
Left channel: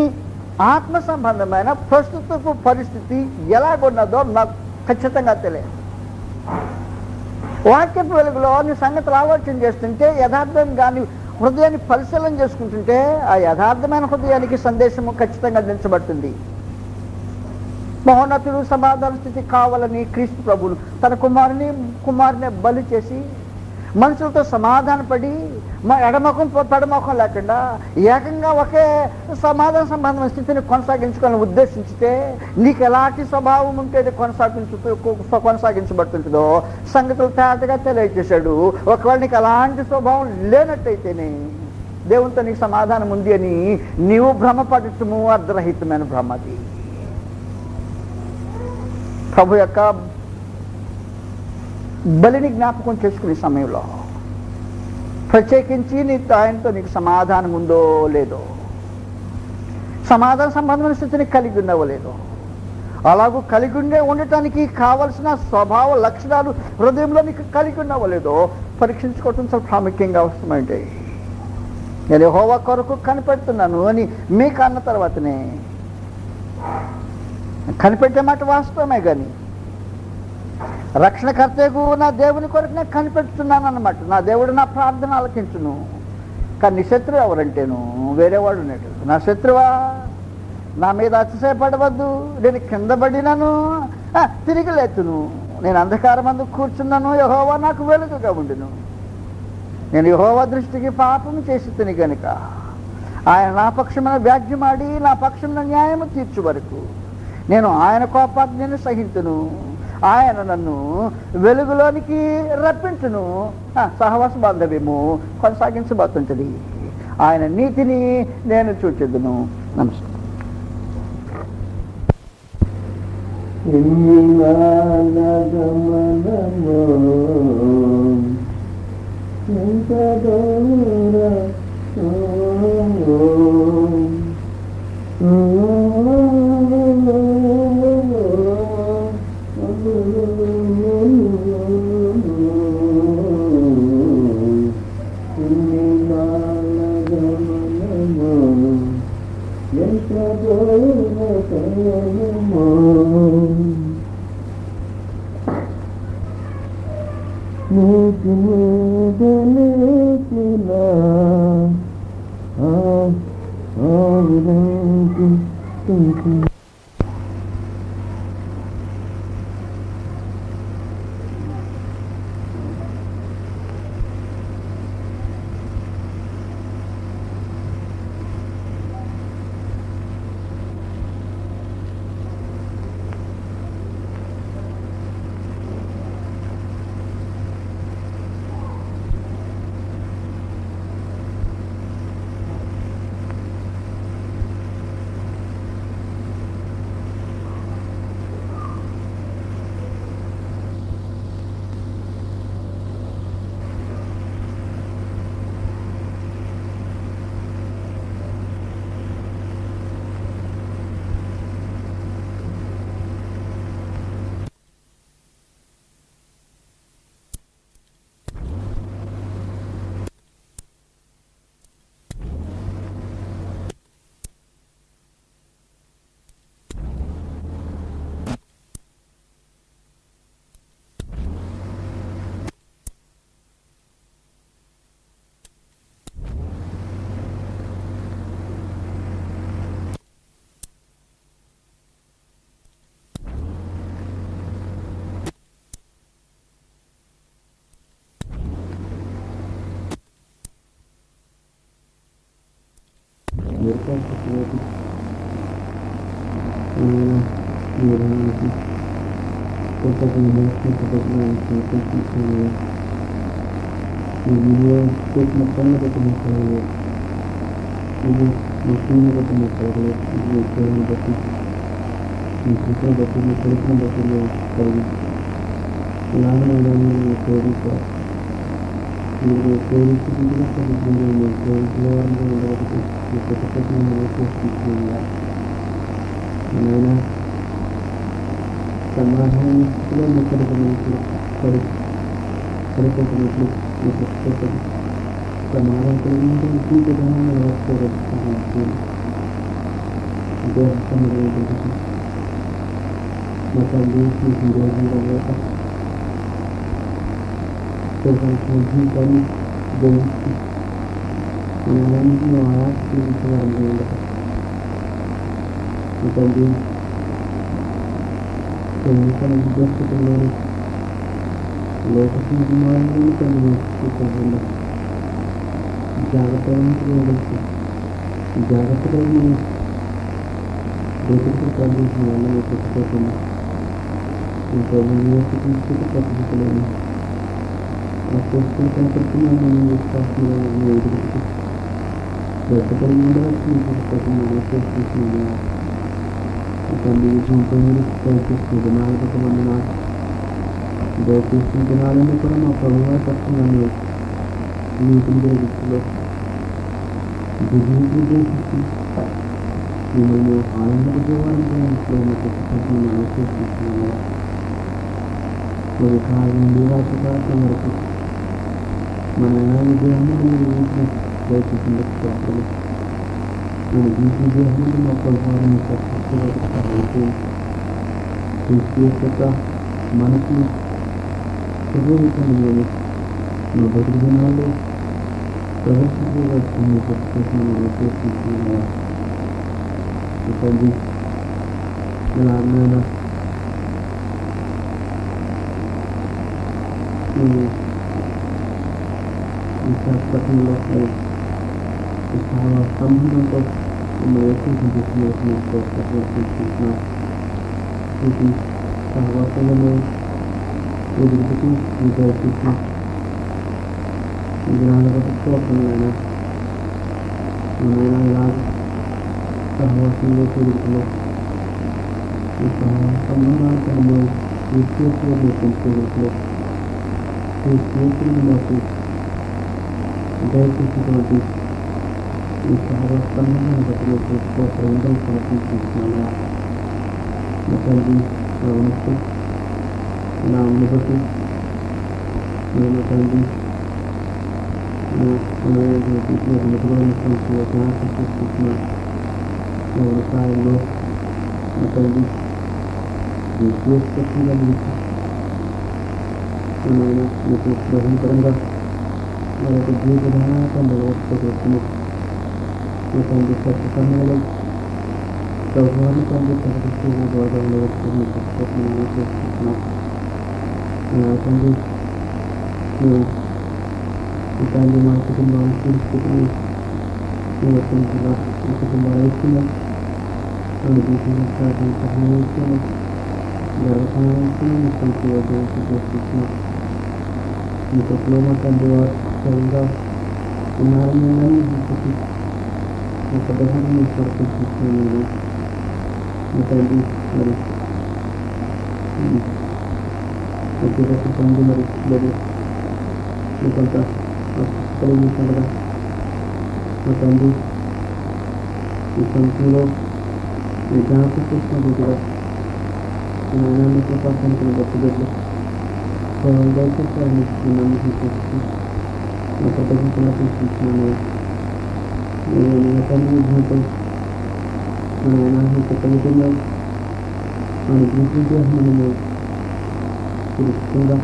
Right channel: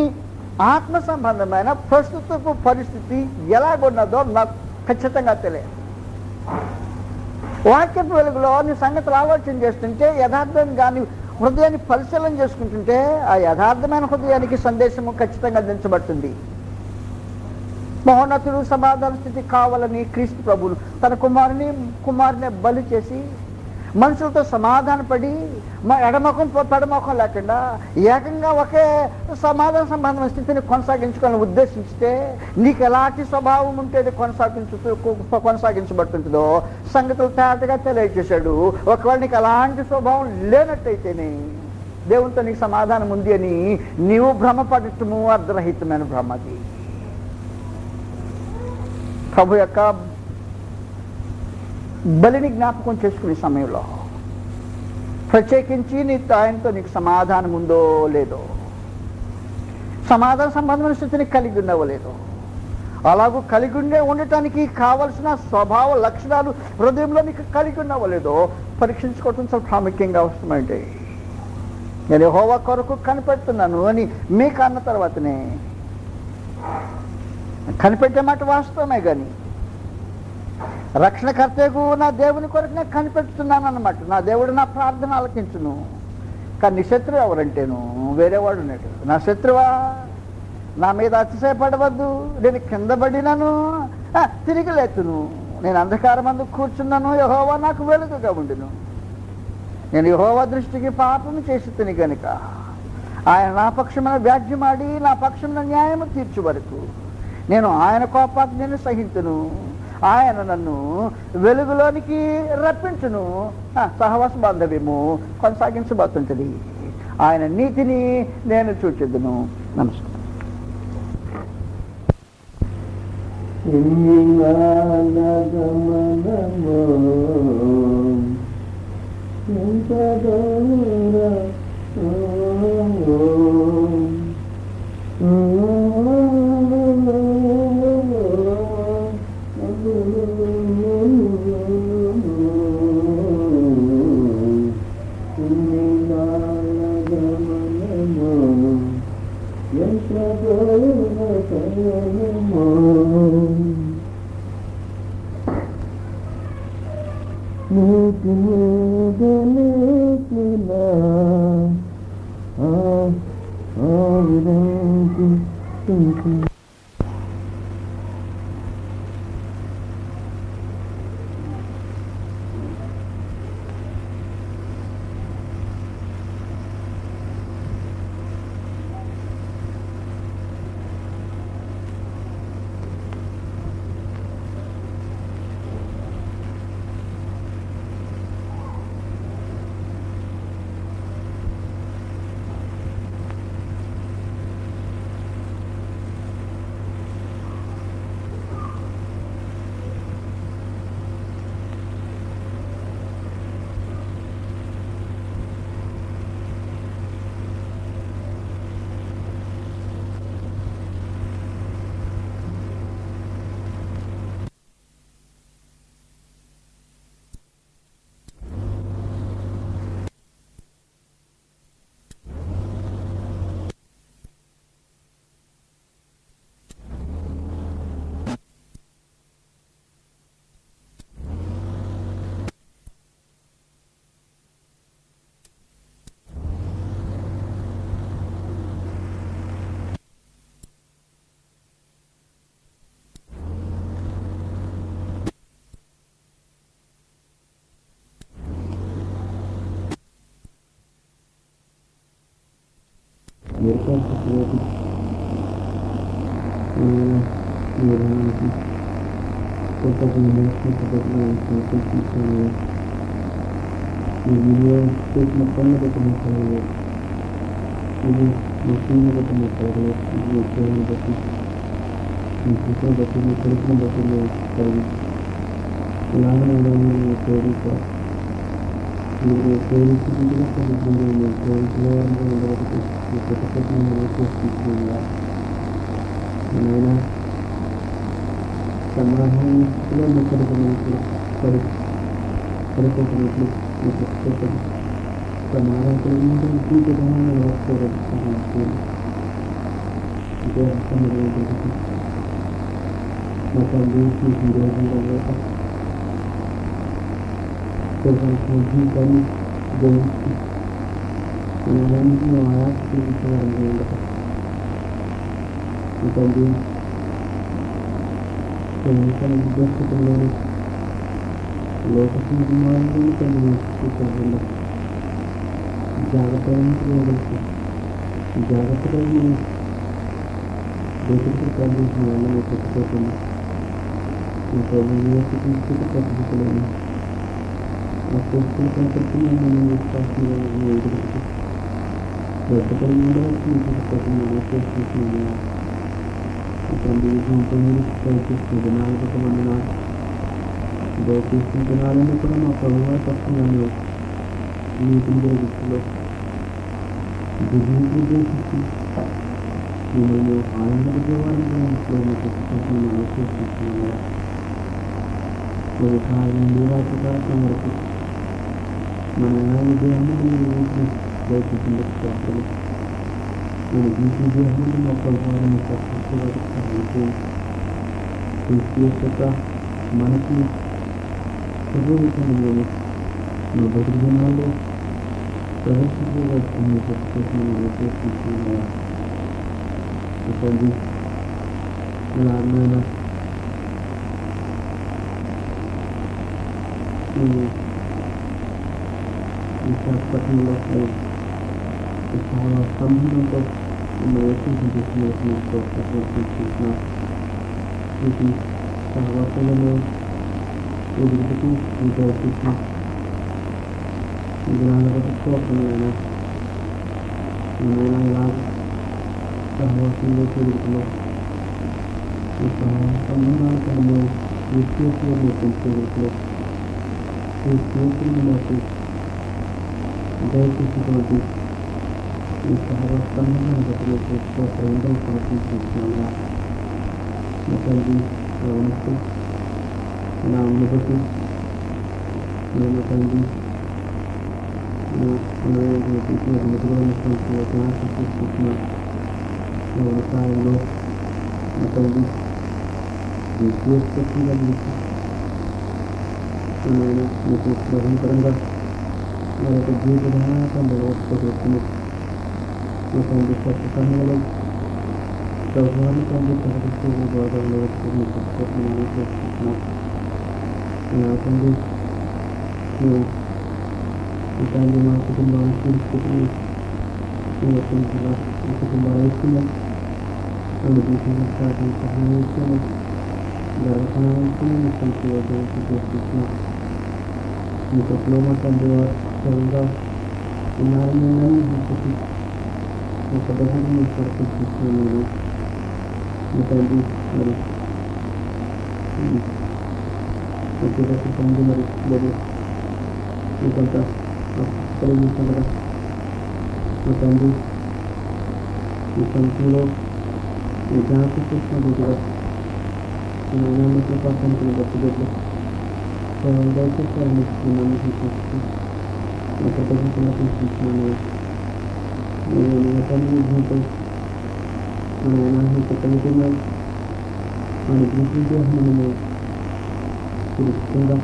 ఆత్మ సంబంధమైన ప్రస్తుతపు పరిస్థితి ఎలాగున్నదో నాకు ఖచ్చితంగా తెలియదు. వాక్యపు వెలుగులో నీ సంగతులు ఆలోచన చేస్తుంటే, యథార్థంగా నీ హృదయాన్ని పరిశీలన చేసుకుంటుంటే, ఆ యథార్థమైన హృదయానికి సందేశము ఖచ్చితంగా అందించబడుతుంది. మహోన్నతుడు సమాధాన స్థితి కావాలని క్రీస్తు ప్రభువును తన కుమారుని బలి చేసి మనుషులతో సమాధానపడి ఎడముఖం పెడముఖం లేకుండా ఏకంగా ఒకే సమాధాన సంబంధమైన స్థితిని కొనసాగించుకోవాలని ఉద్దేశించితే, నీకు ఎలాంటి స్వభావం ఉంటే కొనసాగించబడుతుంటుందో సంగతులు తేటగా తెలియజేశాడు. ఒకవేళ నీకు అలాంటి స్వభావం లేనట్టయితేనే దేవునితో నీకు సమాధానం ఉంది అని నీవు భ్రమపడటము అర్ధరహితమైన భ్రమది. ప్రభు యొక్క బలిని జ్ఞాపకం చేసుకునే సమయంలో ప్రత్యేకించి ఆయనతో నీకు సమాధానం ఉందో లేదో, సమాధాన సంబంధమైన స్థితిని కలిగి ఉన్నావో లేదో, అలాగూ కలిగి ఉండటానికి కావలసిన స్వభావ లక్షణాలు హృదయంలో నీకు కలిగి ఉన్నావో లేదో పరీక్షించుకోవటం చాలా ప్రాముఖ్యంగా అవసరమైంది. నేను యెహోవా కొరకు కనిపెడుతున్నాను అని మీకు అన్న తర్వాతనే, కనిపెట్టే మాట వాస్తవమే కానీ రక్షణకర్తకు నా దేవుని కొరకు నేను కనిపెడుతున్నాను అన్నమాట. నా దేవుడు నా ప్రార్థన ఆలకించును. కానీ నీ శత్రువు ఎవరంటేను వేరేవాడు ఉన్నాడు. నా శత్రువా, నా మీద అతిశయపడవద్దు. నేను కింద పడినాను, తిరిగి లేతును. నేను అంధకారం అందు కూర్చున్నాను, యెహోవా నాకు వెలుగుగా ఉండును. నేను యెహోవా దృష్టికి పాపము చేసి తిని గనుక ఆయన నా పక్షమున వ్యాజ్యమాడి నా పక్షమున న్యాయము తీర్చు వరకు నేను ఆయన కోపాగ్నిని సహించును. ఆయన నన్ను వెలుగులోనికి రప్పించును. సహవాస బాంధవ్యము కొనసాగించబోతుంటది. ఆయన నీతిని నేను చూచెదను. నమస్కారం. సమాధానం జీవితాన్ని వ్యవస్థ జీవితాన్ని జయించి జాగ్రత్తగా దేశపు ప్రాంతం వాళ్ళని పెట్టుకోకుండా ఇంకా పద్ధతులను ఆ పోస్టులు కనపడుతున్న మనం విశ్వాసంలో ఎదుగుతూ పెద్దపడి చేస్తున్నాము తండ్రి జీవితంలో ప్రయత్నిస్తుంది నాలుగు దయచేసుకుంటున్నారని కూడా మా ప్రభుత్వ పడుతున్నాను నీటిని దృష్టిలో దిగులు ఉద్దేశించి నేను ఆనంద ఆలోచిస్తున్నాను మరి కాలండి వాటి వరకు మన విజయాన్ని దయచేసి నేను విజయాన్ని మా ప్రభుత్వాన్ని మనకి చదువుతుంది నా బతుకు దినాల్లో తండ్రి ఎలాగైనా విశాఖపట్నంలో చాలా సంబంధంతో ఇది సహవాసంలో ఎదుగుతూ విద్యార్థి విగ్రహాలను నేను ఇలా సహవాసంలో ఎదుగుతున్నా ఈ సంబంధాలను విశ్లేషణలో పెంచుకోవచ్చు ఈ స్నేహితులు నాకు దయచేసినటువంటి ఈ సహవాసంలో చేసుకోవడం ప్రయత్నిస్తున్నాను తండ్రి నా మనసు నా అనుభూతి నేను తండ్రి వ్యవసాయంలో తండ్రి విశ్లేషంగా నేను మీకు భయంకరంగా మరొక జీవితాన్ని వ్యవస్థ తండ్రి కొత్త సమయంలో ప్రభుత్వాన్ని తండ్రి ప్రకటిస్తూ గౌరవంలో చేస్తున్నాను తండ్రి తండ్రి మా కుటుంబం పరిస్థితిని కుటుంబ ఐక్యంగా సహాయించాను గర్వసహాయించాను చేస్తున్నాను మీ చెప్పలేని తండ్రి వారిగా ఉన్నారని ఒక దశని ప్రకటిస్తున్నాను మీ తండ్రి మరి తండ్రి మరి మీకంతా కలిగించగా మీ తండ్రి ఈ సంఖ్యలో మీ జ్ఞాపకం చేసినట్టుగా మీ నాణ్యత పాఠానికి బతుబెట్లు దయచేసి అందిస్తున్నాను నా పద్ధతిలో తీసుకుంటున్నాను నేను తండ్రి భూతం నేను కలిగిన నేను గుర్తించేస్తున్నాను తెలుసుకుందా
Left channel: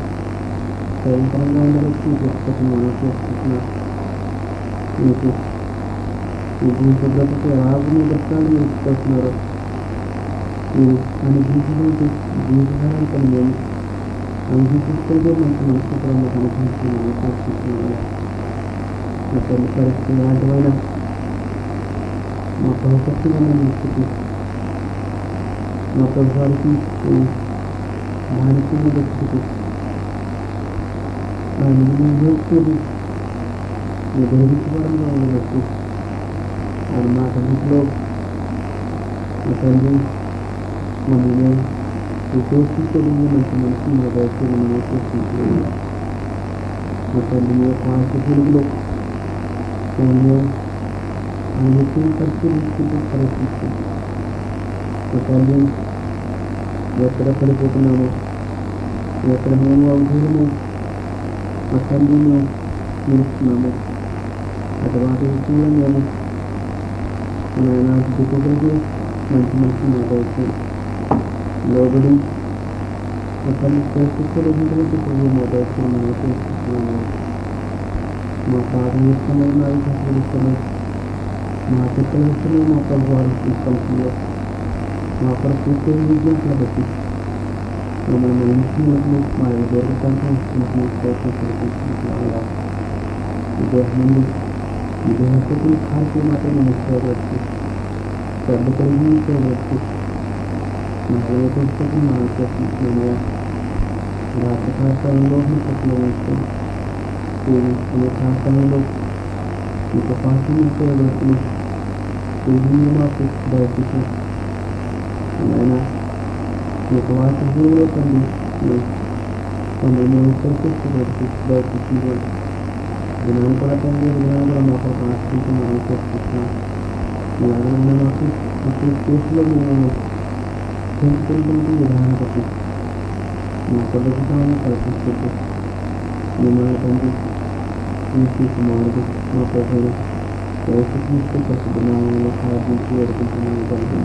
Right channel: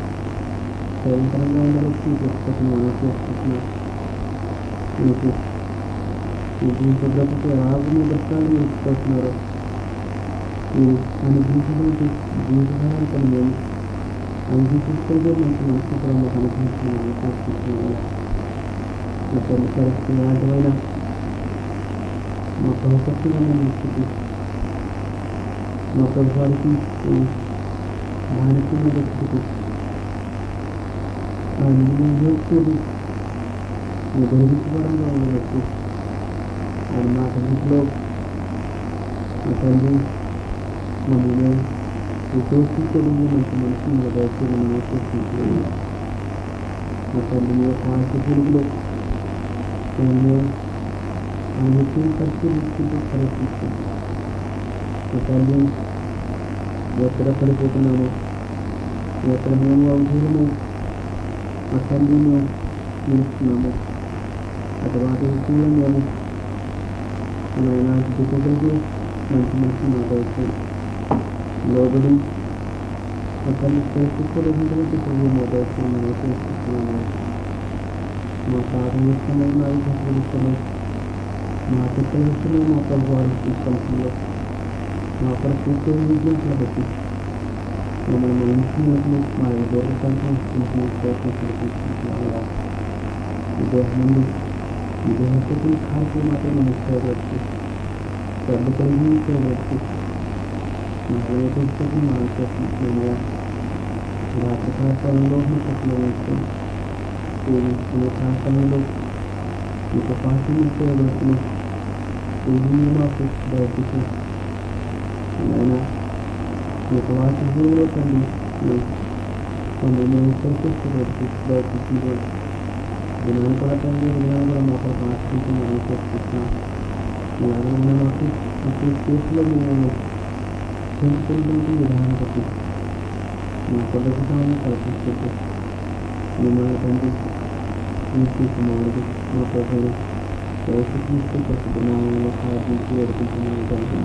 భయంకరంగా చేస్తున్నాను మీకు ఈ భూపద్ధతికి రాజుని దర్శనాలు నేర్చుకుంటున్నారు మీరు అనుభవించడానికి జీవితాలను కలిగాను అనుభవిస్తుంటే మనకు మనసుకరంగా అనుభవిస్తున్నాను ప్రార్థిస్తున్నాను నా తల్లి పరిస్థితి ఆటమైన నా భవిష్యత్తులను నేర్చుకు నా ప్రభుత్వానికి భారతీయ వ్యక్తికి నేర్చేది నీ గర్వించడంలో ఉన్నట్టు ఆయన నా తల్లిలో నా తండ్రి మమ్మల్ని ఉద్దేశించడం నాకు మనసు నా దయచేసి నేర్చేసింది నా తల్లి యొక్క ఆశీర్వాదంలో నేను నిత్యం పరిశీలించుకుంటూ ప్రయత్నిస్తాను నా తల్లి ఎక్కడ పడిపోతున్నాను ఎక్కడ మేము అవసరమో నా తల్లిని నిలుస్తున్నాను అటువంటి విషయంలో నేను దిక్కులకి మంచి మంచి మాట్లాడుతూ లోబడి ఒకరిని చేర్చుకోలేటువంటి మాట్లాడుతున్నాను చేస్తున్నాను. మా పాఠం ఇస్తున్నాయి, మా ఇతరులు ఇస్తున్నాయి, మా పిల్లలు ఇస్తున్నాయి, మా తల్లివారు తీసుకుంటున్నారు. మా ప్రకృతి విద్య కాబట్టి మమ్మల్ని ఇంటిని మా విదేశంతో తీసుకుంటున్నాను. విదేశంలో విదేశకు ఖాళీ మాత్రమే చూడవచ్చు, పెద్ద కలిగి చూడవచ్చు. నా విదేశకు నా చేస్తున్నాను. రాత్రి ప్రాంతంలో చెప్పవచ్చు, ప్రాంతంలో మీకు పాఠం చూడవచ్చు. నాకు బయటకు నేను మీకు వాటి జీవులో కొన్ని నేను ప్రకటించవచ్చు. బయటకు జ్ఞానం కూడా జ్ఞానం కూడా మాకు ఆశ్రయించి చేస్తున్నాను. అలాగే నాకు ఇప్పుడు కేసులో మేము తెలుసుకుంటూ విధానం పట్టి మా ప్రభుత్వాన్ని కల్పిస్తూ మిమ్మల్ని తండ్రి కుమారుడు మా ప్రభుత్వం ప్రవేశిస్తూ ప్రసిద్ధమైన సాధించి వేడుకుంటున్నాను తండ్రి.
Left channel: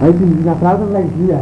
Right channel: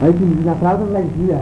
Aí, na casa da guia.